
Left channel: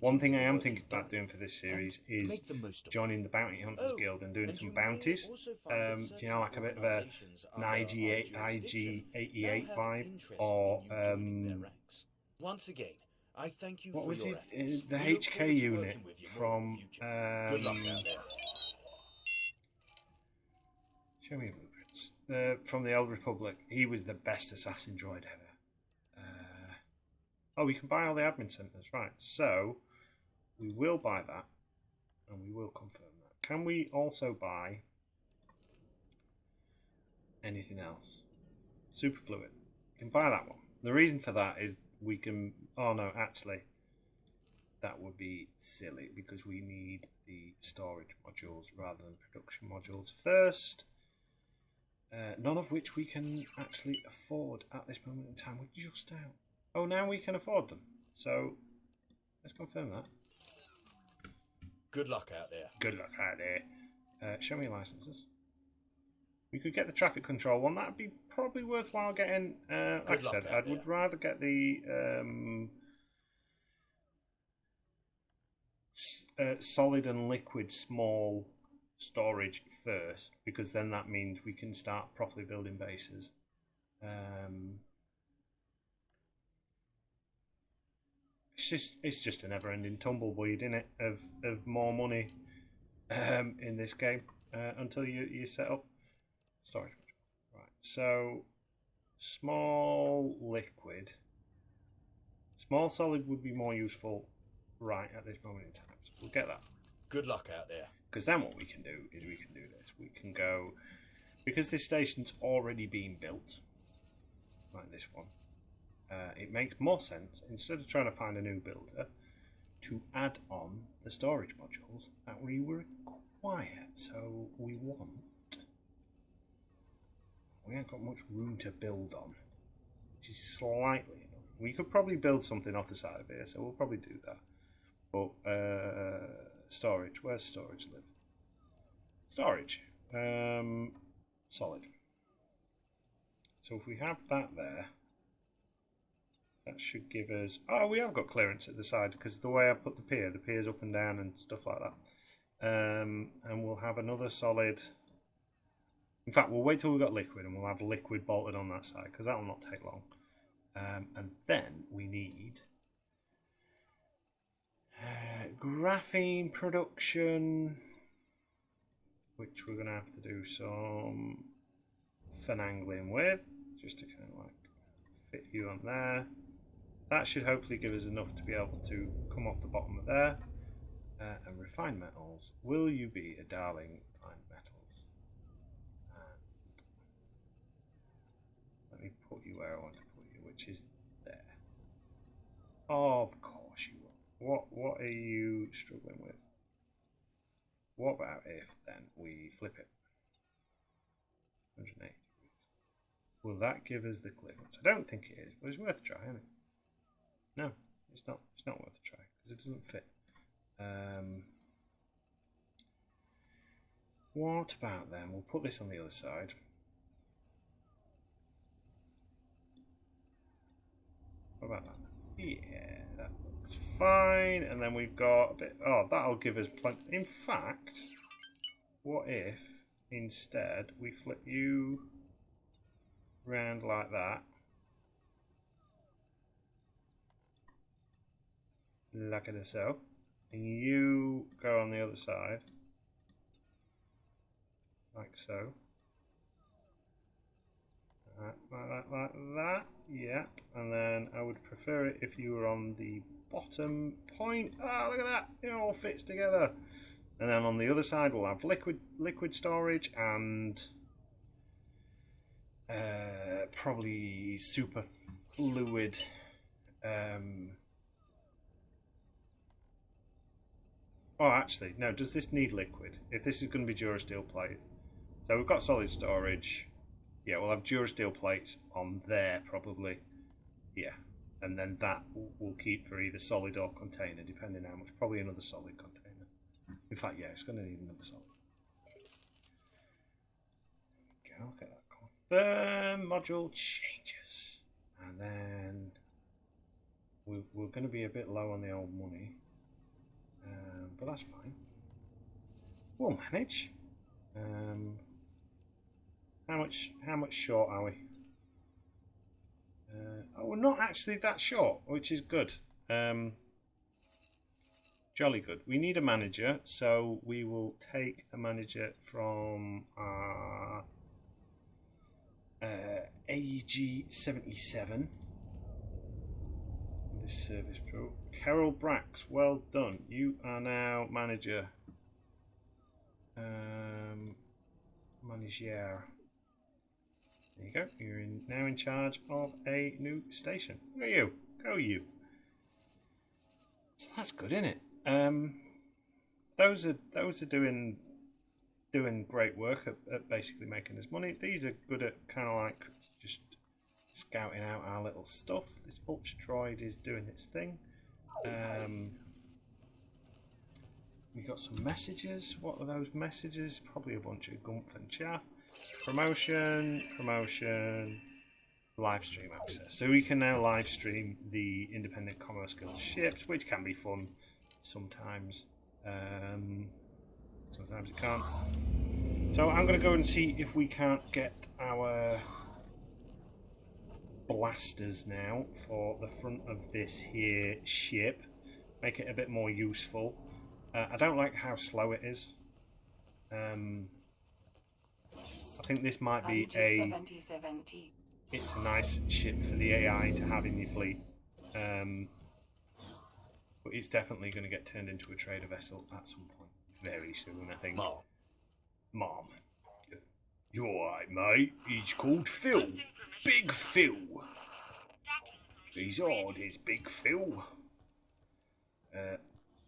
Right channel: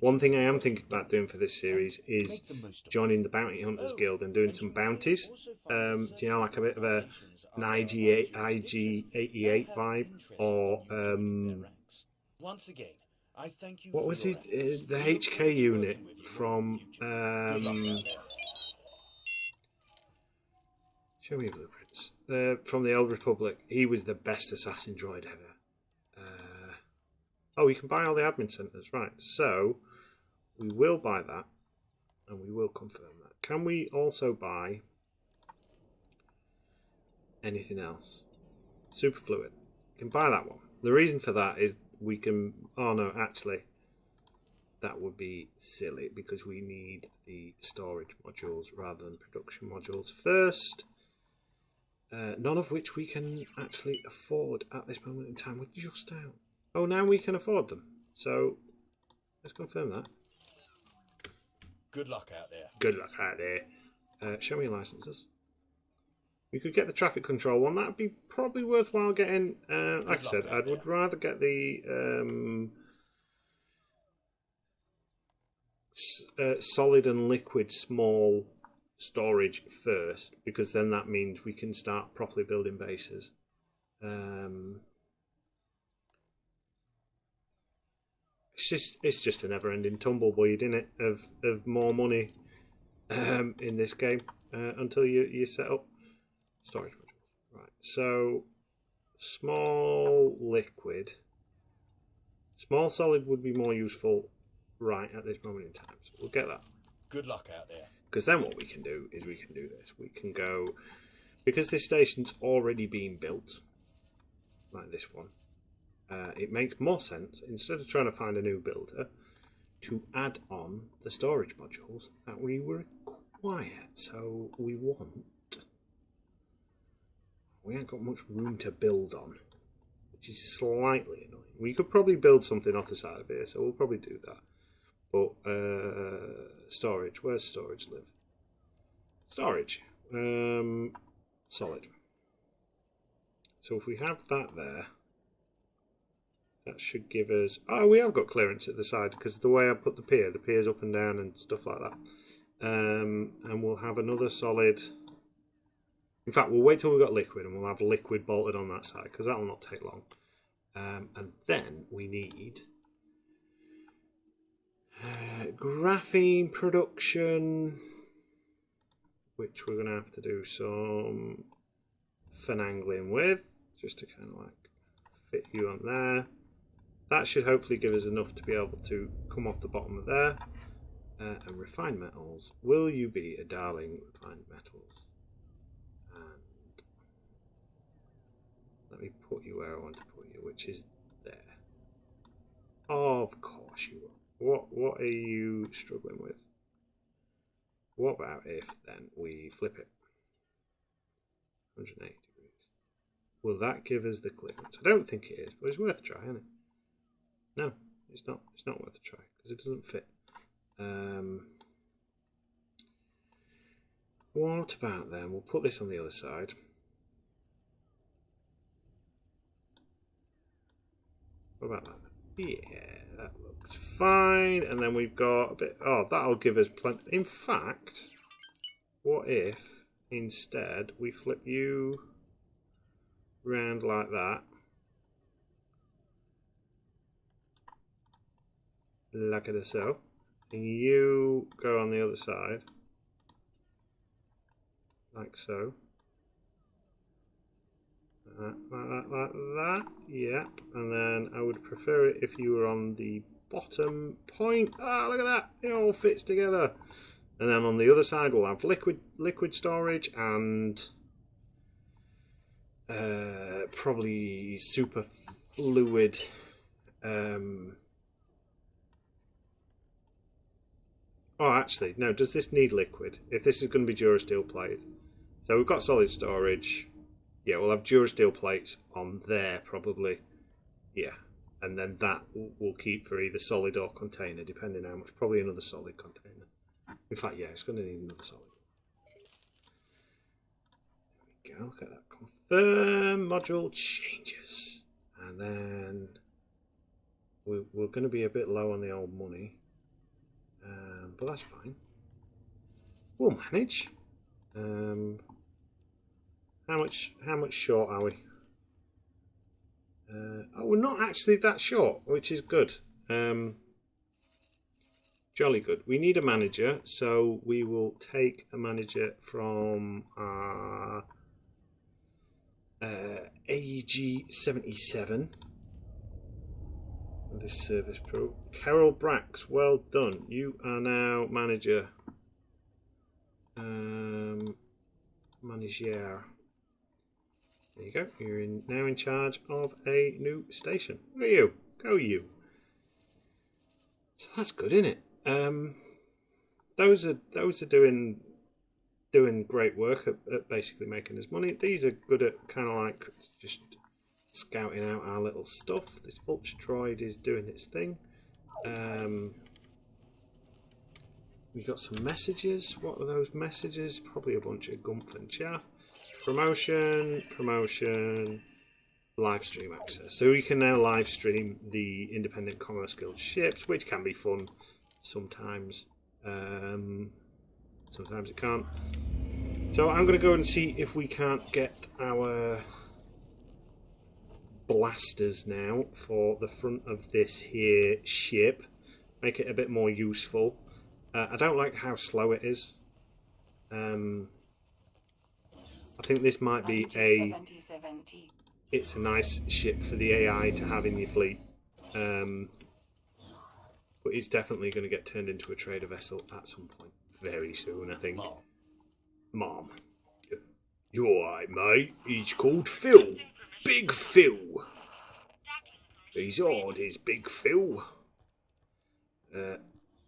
One thing I am thinking about doing for this series is joining the Bounty Hunters Guild and doing some bounties. Do you know, like a bit of an IG88 vibe, or once again, I thank you. What was it? The HK unit from show me blueprints. From the Old Republic. He was the best assassin droid ever. Oh, you can buy all the admin centers, right? So we will buy that, and we will confirm that. Can we also buy anything else? Superfluid. We can buy that one. The reason for that is we can... Oh no, actually, that would be silly because we need the storage modules rather than production modules first. None of which we can actually afford at this moment in time. We're just out. Oh, now we can afford them. So let's confirm that. Good luck out there. Good luck out there. Show me your licenses. We could get the traffic control one. That'd be probably worthwhile getting. Like I said, I would rather get the solid and liquid small storage first, because then that means we can start properly building bases. It's just a never-ending tumbleweed, isn't it, of more money in this game until you set up storage modules. Right, so small liquid, small solid would be more useful right at this moment in time. So we'll get that. Good luck out there. Because then what we can do is we can do this. We can go, because this station's already been built, like this one, it makes more sense, instead of trying to find a new builder, to add on the storage modules that we require. So we ain't got much room to build on, which is slightly annoying. We could probably build something off the side of here, so we'll probably do that. But storage, where's storage live? Storage, solid. So if we have that there, that should give us... Oh, we have got clearance at the side because the way I put the pier's up and down and stuff like that. And we'll have another solid... In fact, we'll wait till we've got liquid and we'll have liquid bolted on that side because that will not take long. And then we need... graphene production, which we're going to have to do some finagling with, just to kind of like fit you on there. That should hopefully give us enough to be able to come off the bottom of there. And refined metals, will you be a darling refined metals? And let me put you where I want to put you, which is there. Of course you will. What are you struggling with? What about if then we flip it 180 degrees? Will that give us the clearance? I don't think it is, but it's worth a try, isn't it? No, it's not. It's not worth a try because it doesn't fit. What about then? We'll put this on the other side. What about that? Yeah, that looks fine. And then we've got a bit... Oh, that'll give us plenty... In fact, what if instead we flip you round like that? Like it so. And you go on the other side. Like so. Like that. Yep. And then I would prefer it if you were on the bottom point. Ah, look at that. It all fits together. And then on the other side we'll have liquid storage and probably super fluid oh, actually, no. Does this need liquid? If this is going to be Durasteel plate. So we've got solid storage. Yeah, we'll have Durasteel plates on there, probably. Yeah. And then that we'll keep for either solid or container, depending how much. Probably another solid container. In fact, yeah, it's going to need another solid. There we go. Look at that. Confirm module changes. And then we're going to be a bit low on the old money. But that's fine. We'll manage. How much short are we? Oh, we're not actually that short, which is good. Jolly good. We need a manager, so we will take a manager from our ICG02. This service pro. Carol Brax, well done. You are now manager. Manager. There you go. You're now in charge of a new station. Look at you. Go you. So that's good, isn't it? Those are doing great work at basically making us money. These are good at kind of like just scouting out our little stuff. This Ultra Droid is doing its thing. We got some messages. What are those messages? Probably a bunch of gumph and chaff. Promotion, live stream access. So we can now live stream the Independent Commerce Guild ships, which can be fun sometimes. Sometimes it can't. So I'm going to go and see if we can't get our blasters now for the front of this here ship. Make it a bit more useful. I don't like how slow it is. I think this might be it's a nice ship for the AI to have in your fleet. But it's definitely going to get turned into a trader vessel at some point. Very soon, I think. Mom. You alright, mate? He's called Phil. Big Phil. He's odd, is Big Phil.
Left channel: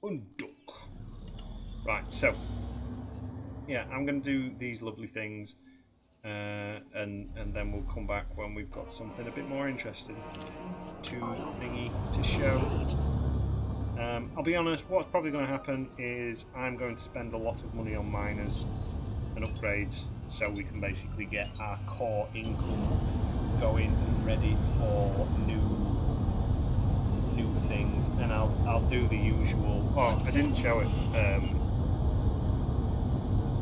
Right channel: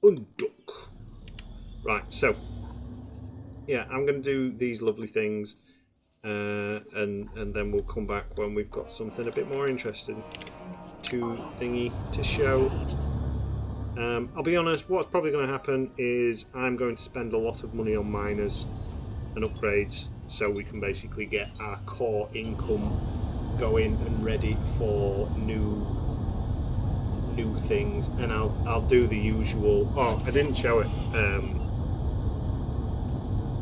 Unduck. Right, so yeah, I'm going to do these lovely things, and then we'll come back when we've got something a bit more interesting to show. I'll be honest, what's probably going to happen is I'm going to spend a lot of money on miners and upgrades, so we can basically get our core income going and ready for new things, and I'll do the usual. Oh, I didn't show it.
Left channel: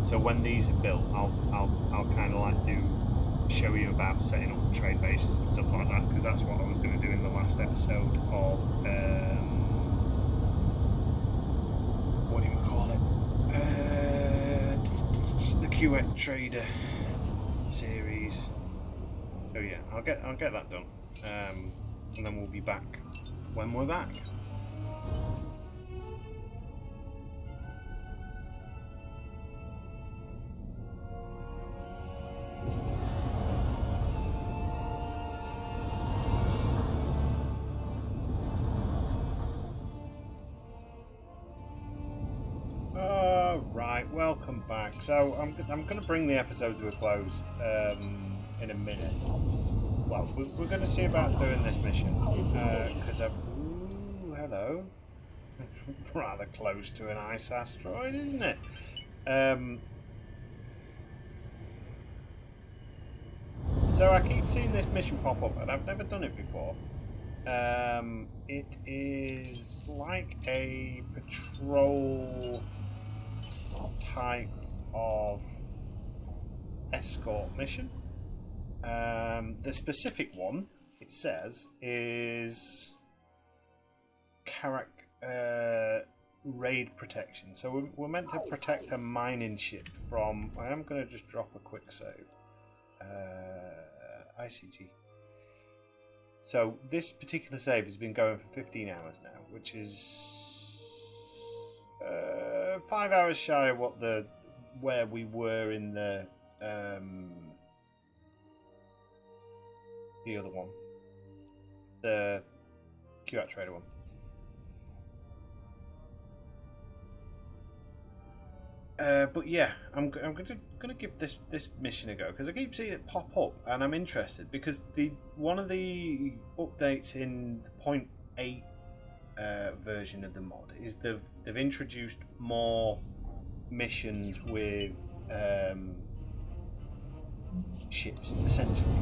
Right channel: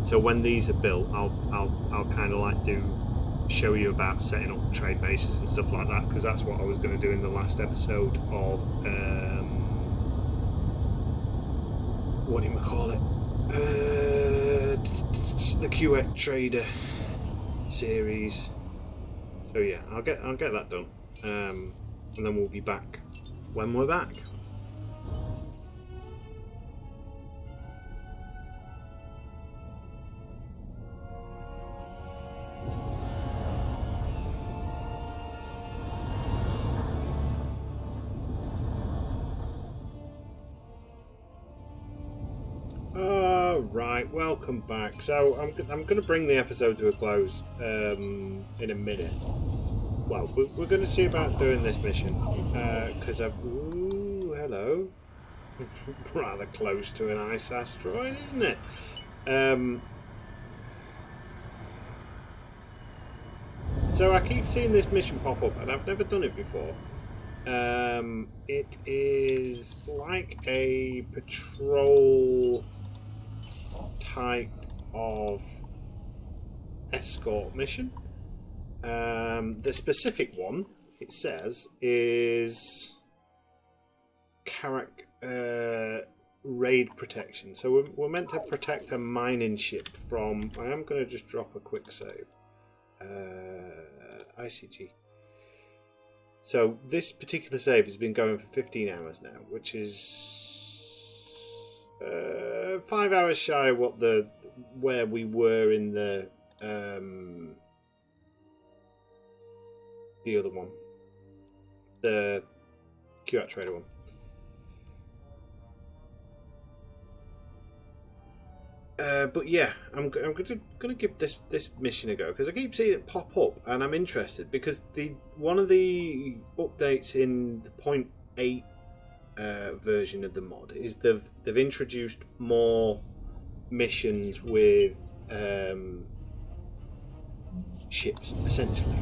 So when these are built, I'll kind of like show you about setting up trade bases and stuff like that, because that's what I was going to do in the last episode of what do you call it? The QX Trader series. So yeah, I'll get that done, and then we'll be back when we're back. Right, welcome back. So I'm going to bring the episode to a close in a minute. Well, we're going to see about doing this mission because ooh, hello. Rather close to an ice asteroid, isn't it? So I keep seeing this mission pop up, and I've never done it before. It is like a patrol type of escort mission. The specific one, it says, is raid protection. So we're meant to protect a mining ship from. I am going to just drop a quick save. ICG. So this particular save has been going for 15 hours now, which is 5 hours shy of where we were in the other one, the QX Trader one. But yeah, I'm gonna give this mission a go, because I keep seeing it pop up and I'm interested, because one of the updates in the 0.8 version of the mod is they've introduced more missions with ships, essentially.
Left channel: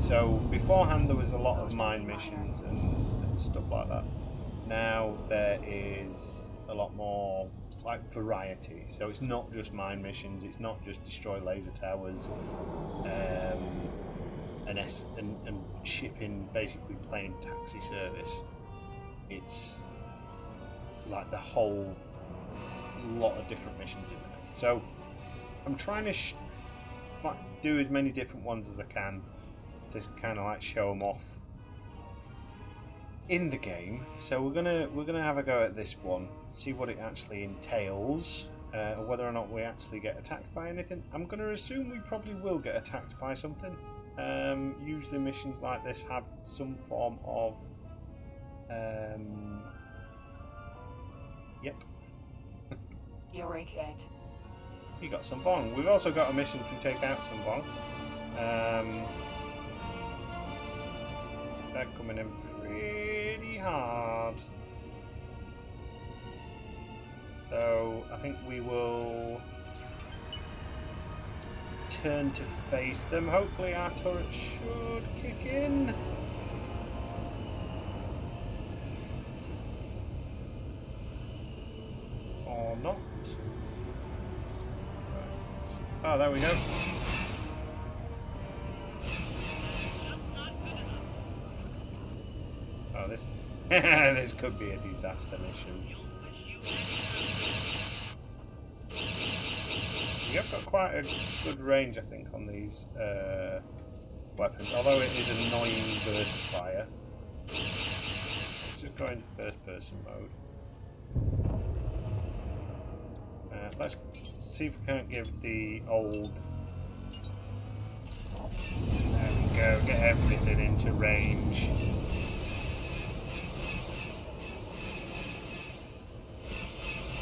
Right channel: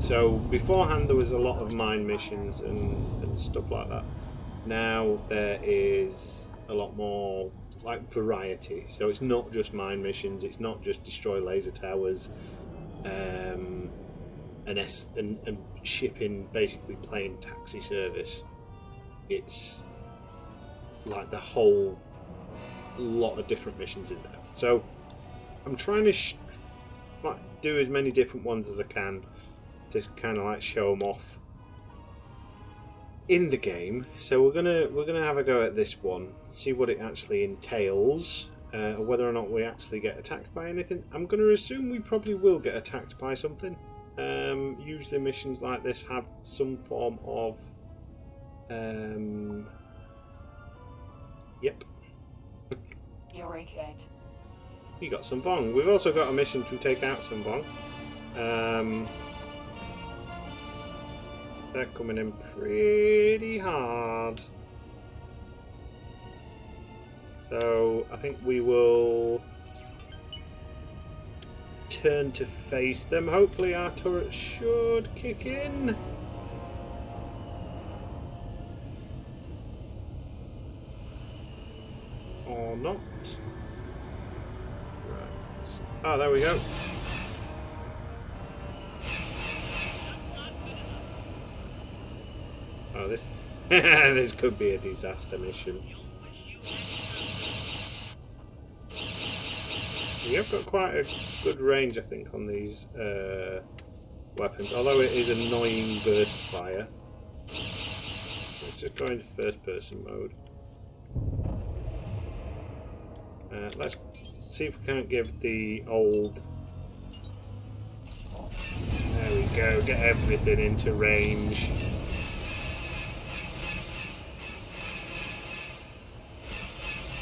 So beforehand there was a lot of mine missions and stuff like that. Now there is a lot more like variety. So it's not just mine missions, it's not just destroy laser towers, and shipping, basically plane taxi service. It's like the whole lot of different missions in there. So I'm trying to do as many different ones as I can to kind of like show them off. in the game. So we're gonna have a go at this one, see what it actually entails, whether or not we actually get attacked by anything. I'm gonna assume we probably will get attacked by something. Usually missions like this have some form of yep. You're kid. We got some Vong. We've also got a mission to take out some Vong. They're coming in pretty hard. So I think we will turn to face them. Hopefully our turret should kick in. Or not. Oh, there we go. Oh, this this could be a disaster mission. We have got quite a good range, I think, on these weapons. Although it is annoying burst fire. Let's just go into first-person mode. Let's see if we can't give the old... There we go, get everything into range.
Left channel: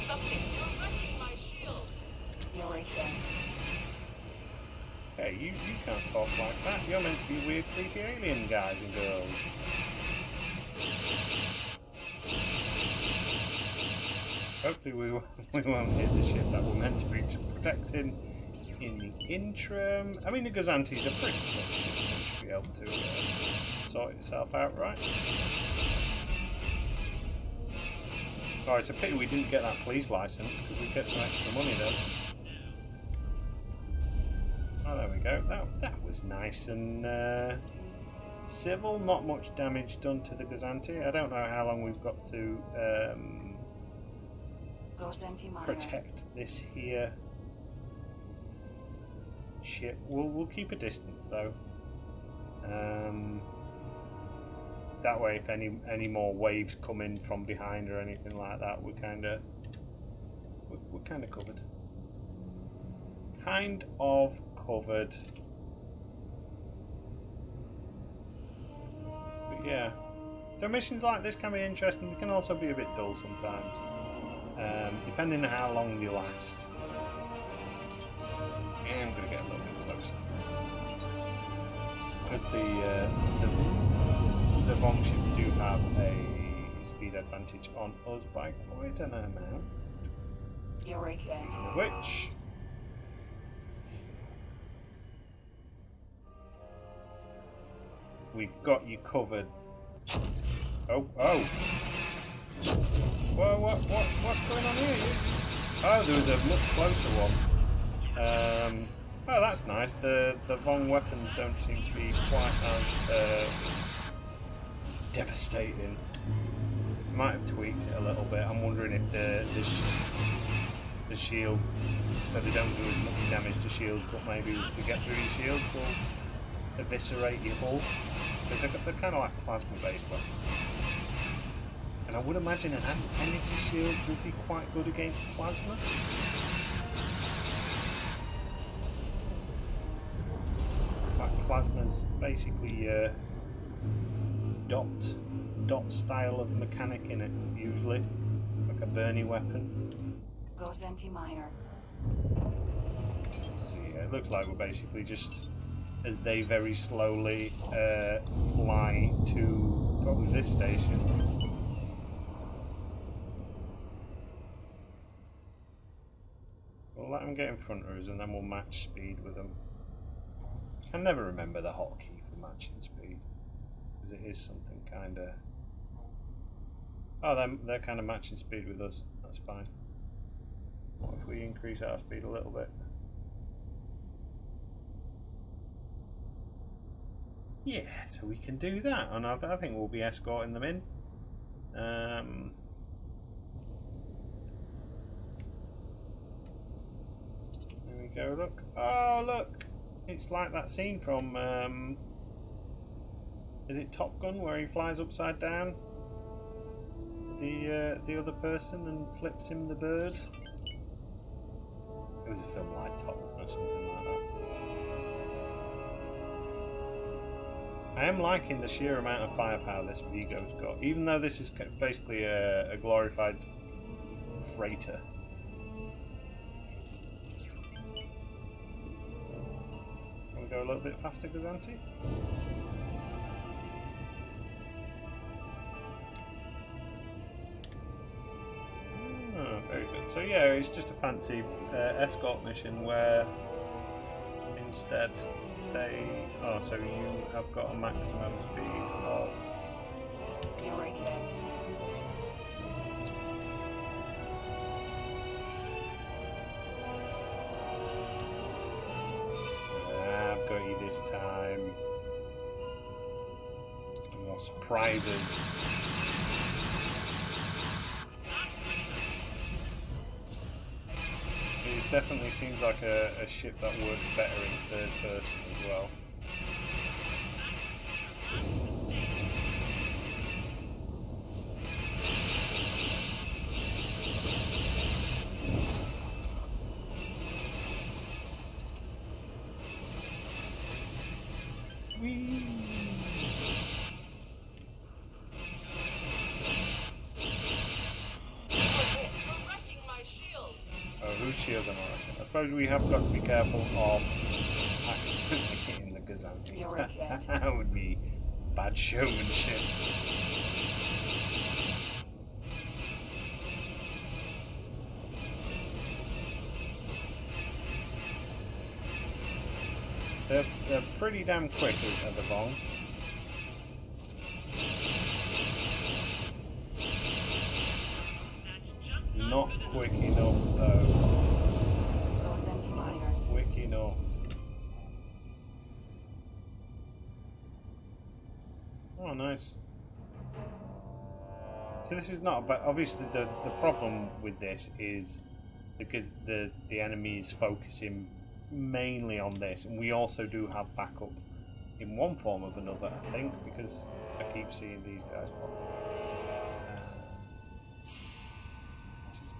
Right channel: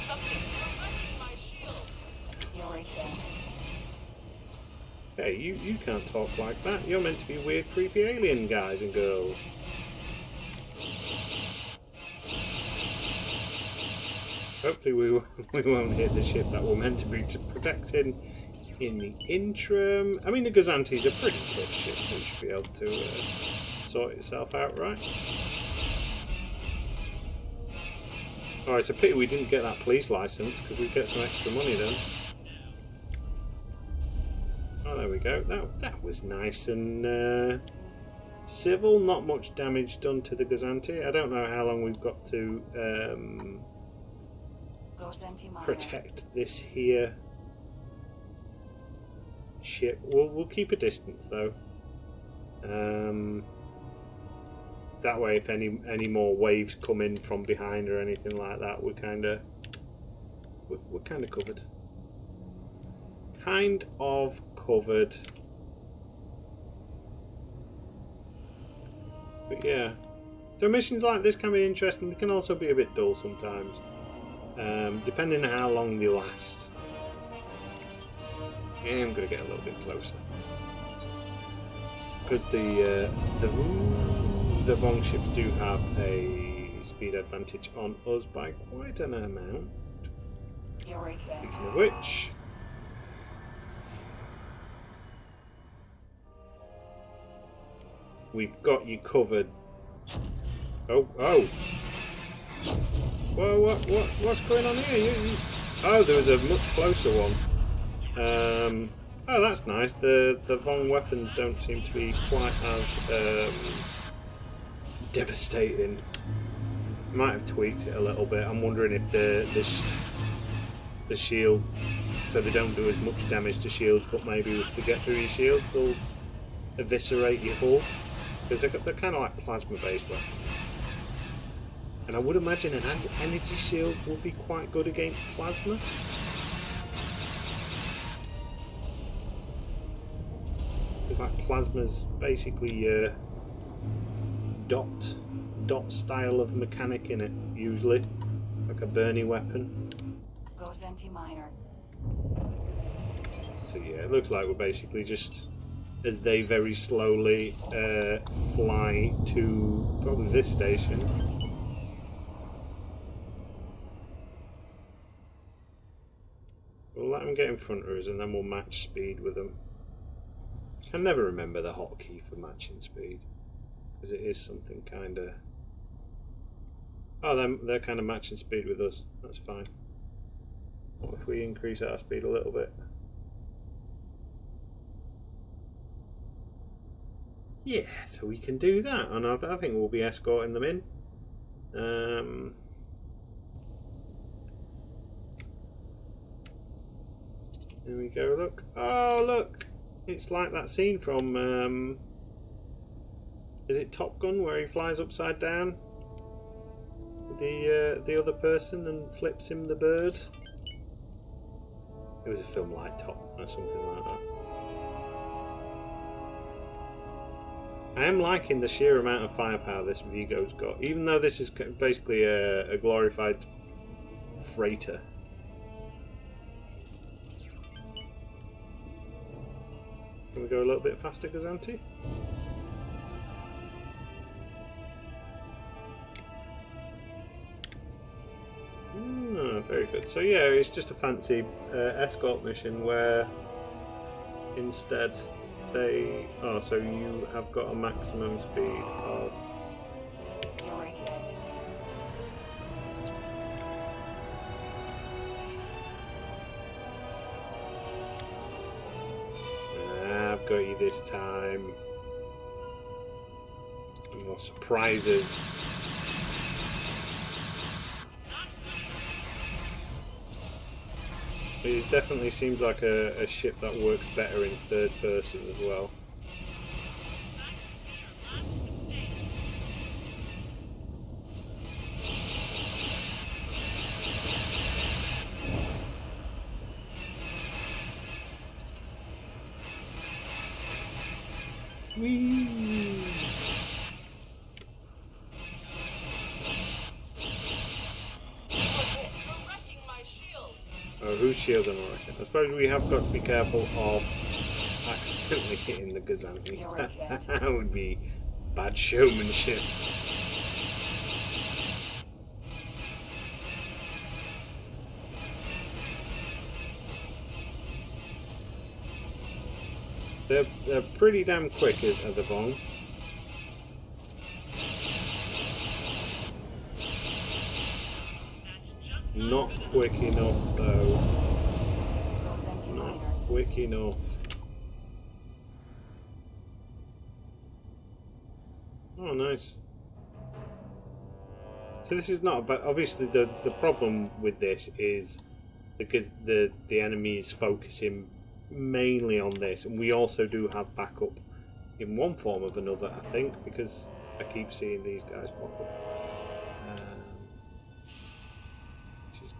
Something's preventing my shield. You're kid. Hey, you can't talk like that. You're meant to be weird, creepy alien guys and girls. Hopefully we won't hit the ship that we're meant to be protecting in the interim. I mean, the Gazanti's a pretty tough ship, so it should be able to sort itself out, right? Oh, it's a pity we didn't get that police license, because we'd get some extra money then. Oh, there we go. That was nice and civil. Not much damage done to the Gazanti. I don't know how long we've got to protect this here ship. We'll keep a distance though. That way, if any more waves come in from behind or anything like that, we're kind of covered. Kind of covered. But yeah, so missions like this can be interesting. They can also be a bit dull sometimes, depending on how long they last. And I'm gonna get a little bit closer because the Vong ships do have a speed advantage on us by quite an amount. Speaking of which, we've got you covered. Oh! Whoa! What's going on here? Oh, there was a much closer one. Oh, that's nice. The Vong weapons don't seem to be quite as devastating. Might have tweaked it a little bit. I'm wondering if the shield, so they don't do as much damage to shields, but maybe if they get through your shields, they'll eviscerate your hull. Because they're kind of like plasma-based weapons. And I would imagine an energy shield would be quite good against plasma. Because like plasma's basically dot style of mechanic in it, usually. Like a Bernie weapon. Goes anti-minor. So yeah, it looks like we're basically just, as they very slowly fly to probably this station. We'll let them get in front of us and then we'll match speed with them. I can never remember the hotkey for matching speed, because it is something kind of... Oh, they're kind of matching speed with us. That's fine. What if we increase our speed a little bit? Yeah, so we can do that, and I think we'll be escorting them in. There we go, look. Oh, look! It's like that scene from... is it Top Gun, where he flies upside down? the other person and flips him the bird. It was a film like Top or something like that. I am liking the sheer amount of firepower this Vigo's got, even though this is basically a glorified freighter. Can we go a little bit faster, Gazanti? Very good. So yeah, it's just a fancy escort mission where instead they... Oh, so you have got a maximum speed of... Irrigate. I've got you this time. More surprises. It definitely seems like a ship that works better in third person as well. Whee! Oh, whose shields am I wrecking? I suppose we have got to be careful of accidentally hitting the Gazanti. That would be bad showmanship. They're pretty damn quick at the Vong. Not quick enough though. Not quick enough. Oh, nice. So this is not about... Obviously the problem with this is because the enemy is focusing mainly on this, and we also do have backup in one form or another, I think, because I keep seeing these guys pop up.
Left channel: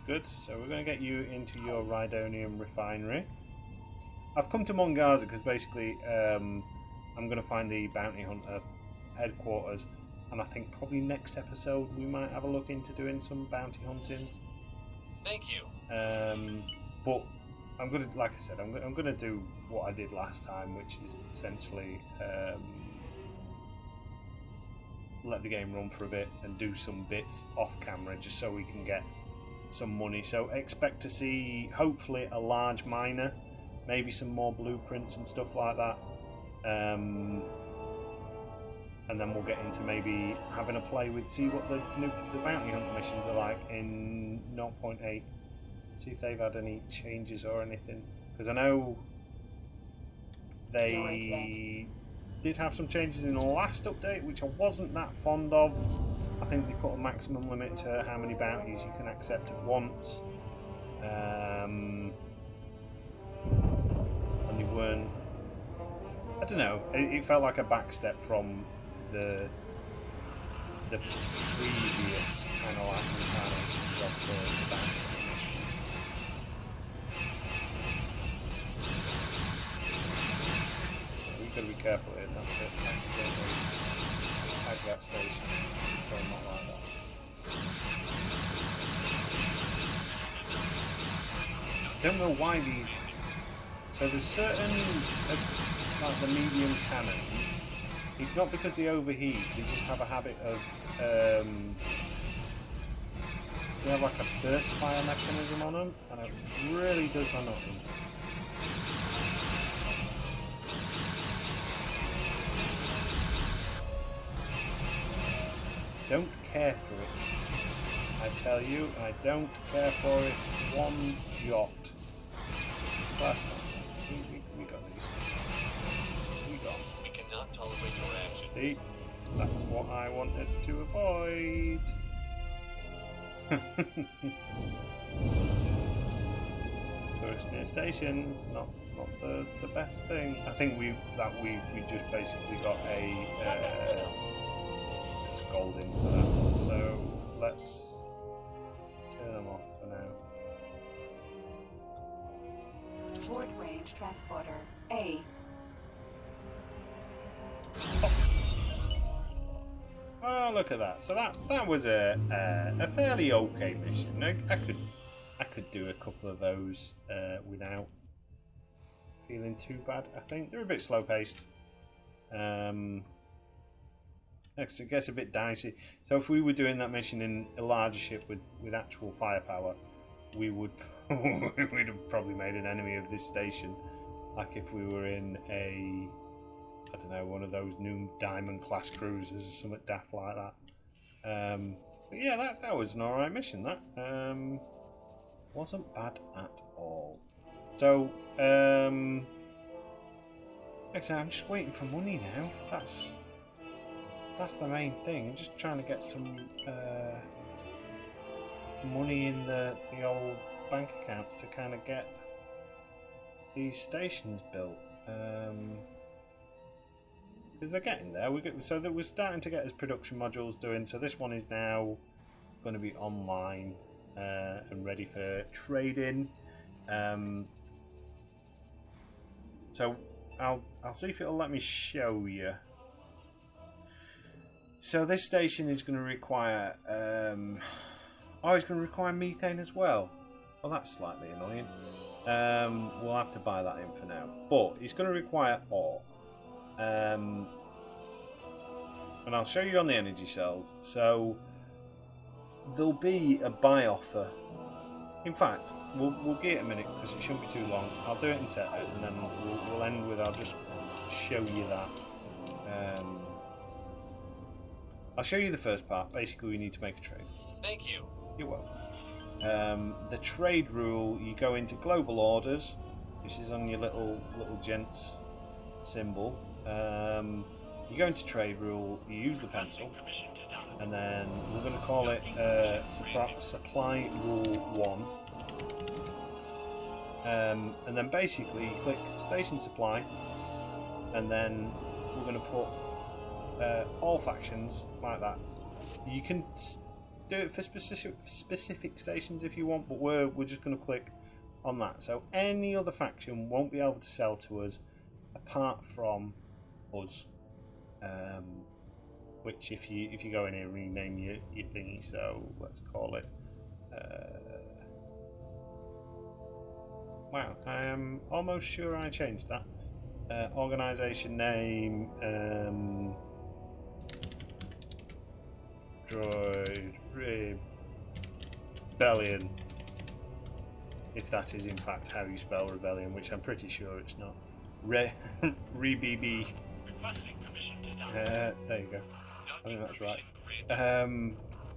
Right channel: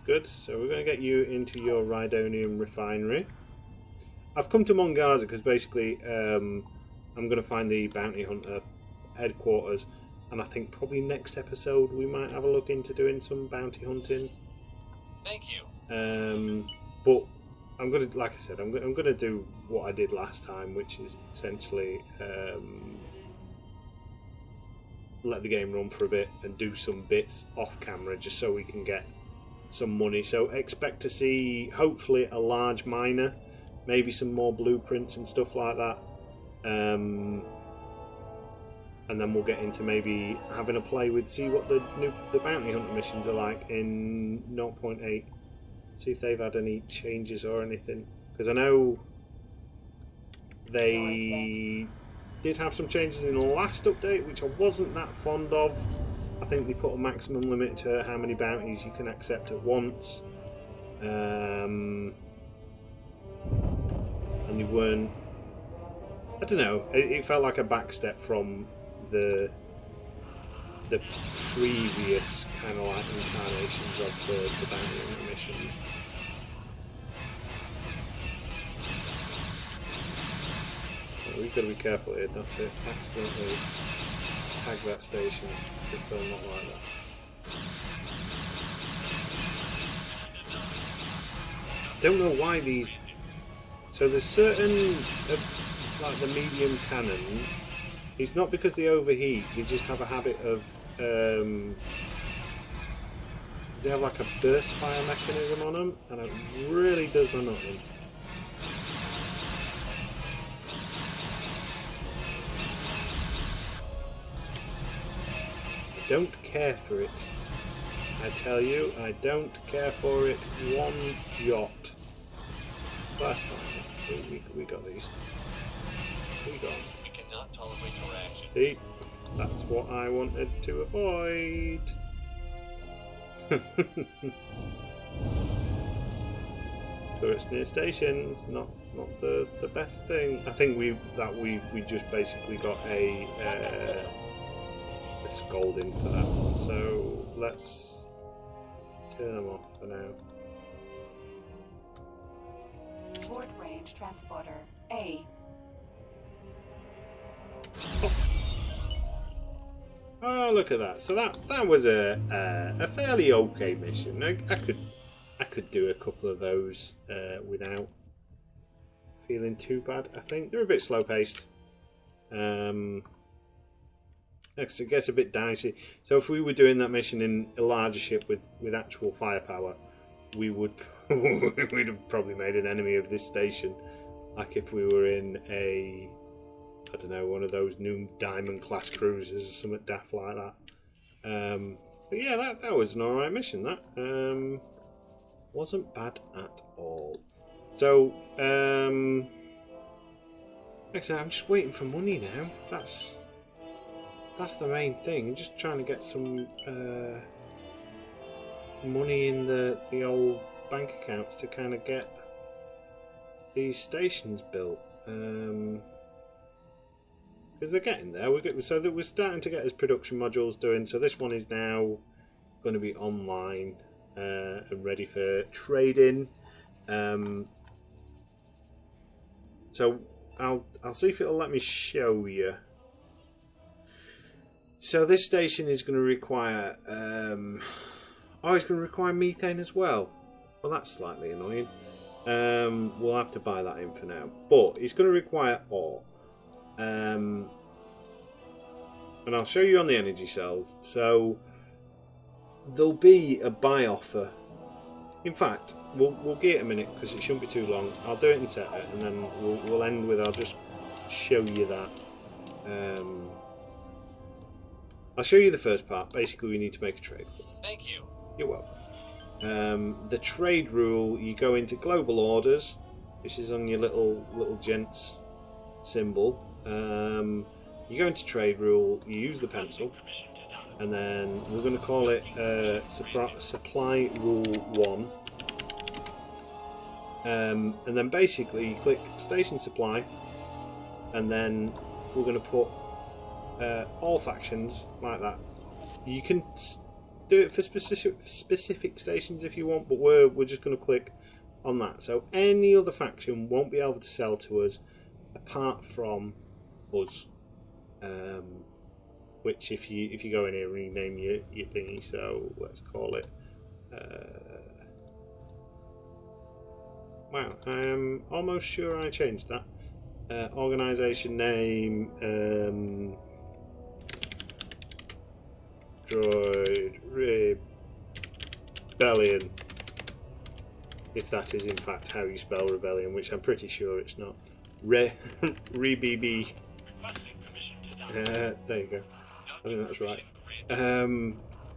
Good, so we're going to get you into your Rhydonium refinery. I've come to Mongaza because basically I'm going to find the bounty hunter headquarters, and I think probably next episode we might have a look into doing some bounty hunting. Thank you. But I'm going to, like I said, I'm going to do what I did last time, which is essentially let the game run for a bit and do some bits off camera just so we can get some money. So expect to see hopefully a large miner, maybe some more blueprints and stuff like that, and then we'll get into maybe having a play with, see what the bounty hunter missions are like in 0.8, see if they've had any changes or anything, because I know they did have some changes in the last update which I wasn't that fond of. I think they put a maximum limit to how many bounties you can accept at once, and they weren't... I don't know. It felt like a backstep from the previous kind of like incarnations of the bounty hunter missions. We've got to be careful here not to accidentally tag that station, just so not like that. I don't know why these... So there's certain, like the medium cannons, it's not because they overheat, they just have a habit of, they have like a burst fire mechanism on them, and it really does my nut in. Don't care for it. I tell you, I don't care for it one jot. That's fine. We got these. We got. We cannot tolerate your actions. See? That's what I wanted to avoid. Turrets near stations, not the best thing. I think we just basically got a scolding for that. So let's turn them off for now. Board range transporter A. Oh, look at that! So that was a fairly okay mission. I could do a couple of those without feeling too bad. I think they're a bit slow paced. It gets a bit dicey. So if we were doing that mission in a larger ship with actual firepower, we would we'd have probably made an enemy of this station. Like if we were in a, I don't know, one of those new Diamond class cruisers or something daft like that. But yeah, that was an alright mission. That wasn't bad at all. So like I said, I'm just waiting for money now. That's the main thing. I'm just trying to get some money in the old bank accounts to kind of get these stations built. Because they're getting there. So that we're starting to get his production modules doing. So this one is now going to be online and ready for trading. So I'll see if it'll let me show you. So this station is going to require it's going to require methane as well. Well, that's slightly annoying. We'll have to buy that in for now, but it's going to require ore. And I'll show you on the energy cells. So there'll be a buy offer. In fact, we'll get it a minute because it shouldn't be too long. I'll do it in set and then we'll end with, I'll just show you that. I'll show you the first part. Basically, we need to make a trade. Thank you. You're welcome. The trade rule, you go into global orders, which is on your little gents symbol. You go into trade rule, you use the pencil, and then we're going to call it supply rule 1. And then basically you click station supply, and then we're going to put all factions like that. You can do it for specific stations if you want, but we're just going to click on that. So any other faction won't be able to sell to us apart from us. Which if you go in here, rename your thingy. So let's call it. Wow, I am almost sure I changed that. Organisation name. Droid Rebellion, if that is in fact how you spell rebellion, which I'm pretty sure it's not. Re-BB. There you go. I think that's right.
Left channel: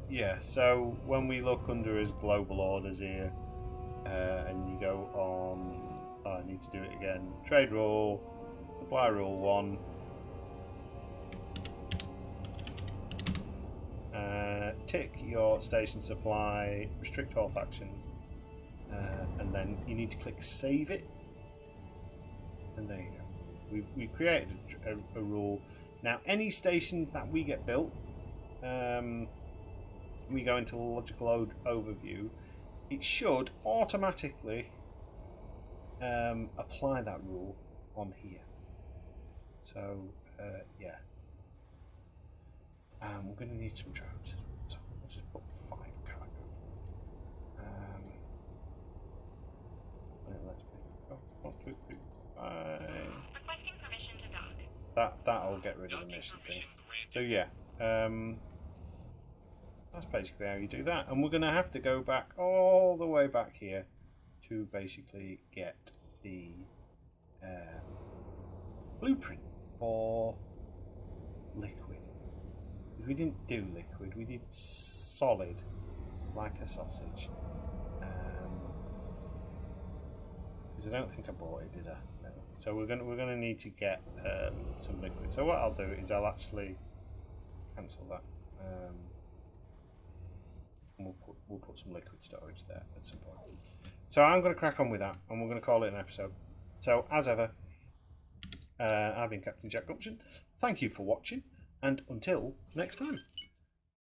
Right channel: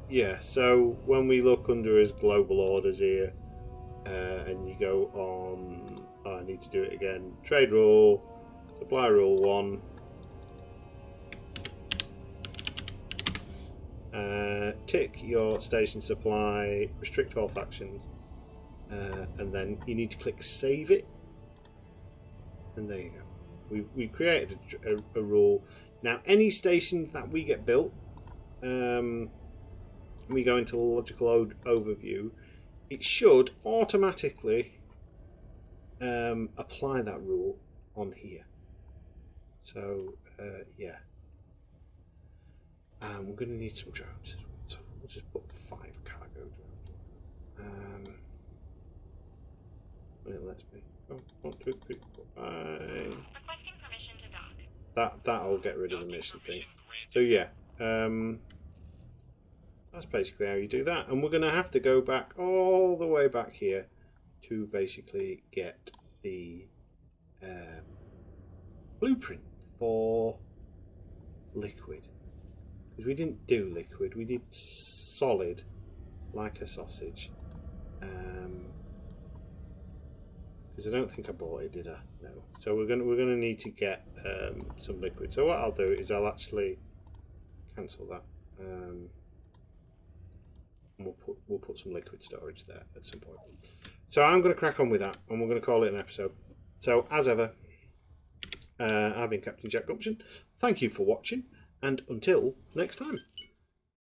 Yeah, so when we look under his global orders here, and you go on, I need to do it again. Trade rule, supply rule 1. Tick your station supply, restrict all factions, and then you need to click save it, and there you go. We've created a rule. Now any stations that we get built, we go into the logical overview, it should automatically apply that rule on here. So yeah. We're going to need some drones, so we'll just put 5 cargo drones. When it lets me. Oh, 1, 2, 3, 4, 5. Requesting permission to dock. That'll get rid of the mission thing. So yeah, that's basically how you do that. And we're going to have to go back all the way back here to basically get the blueprint for liquid. Because we didn't do liquid, we did solid, like a sausage. Because I don't think I bought it, did I? No. So we're gonna need to get some liquid. So what I'll do is I'll actually cancel that. And we'll put some liquid storage there at some point. So I'm going to crack on with that, and we're going to call it an episode. So as ever, I've been Captain Jack Gumption. Thank you for watching. And until next time.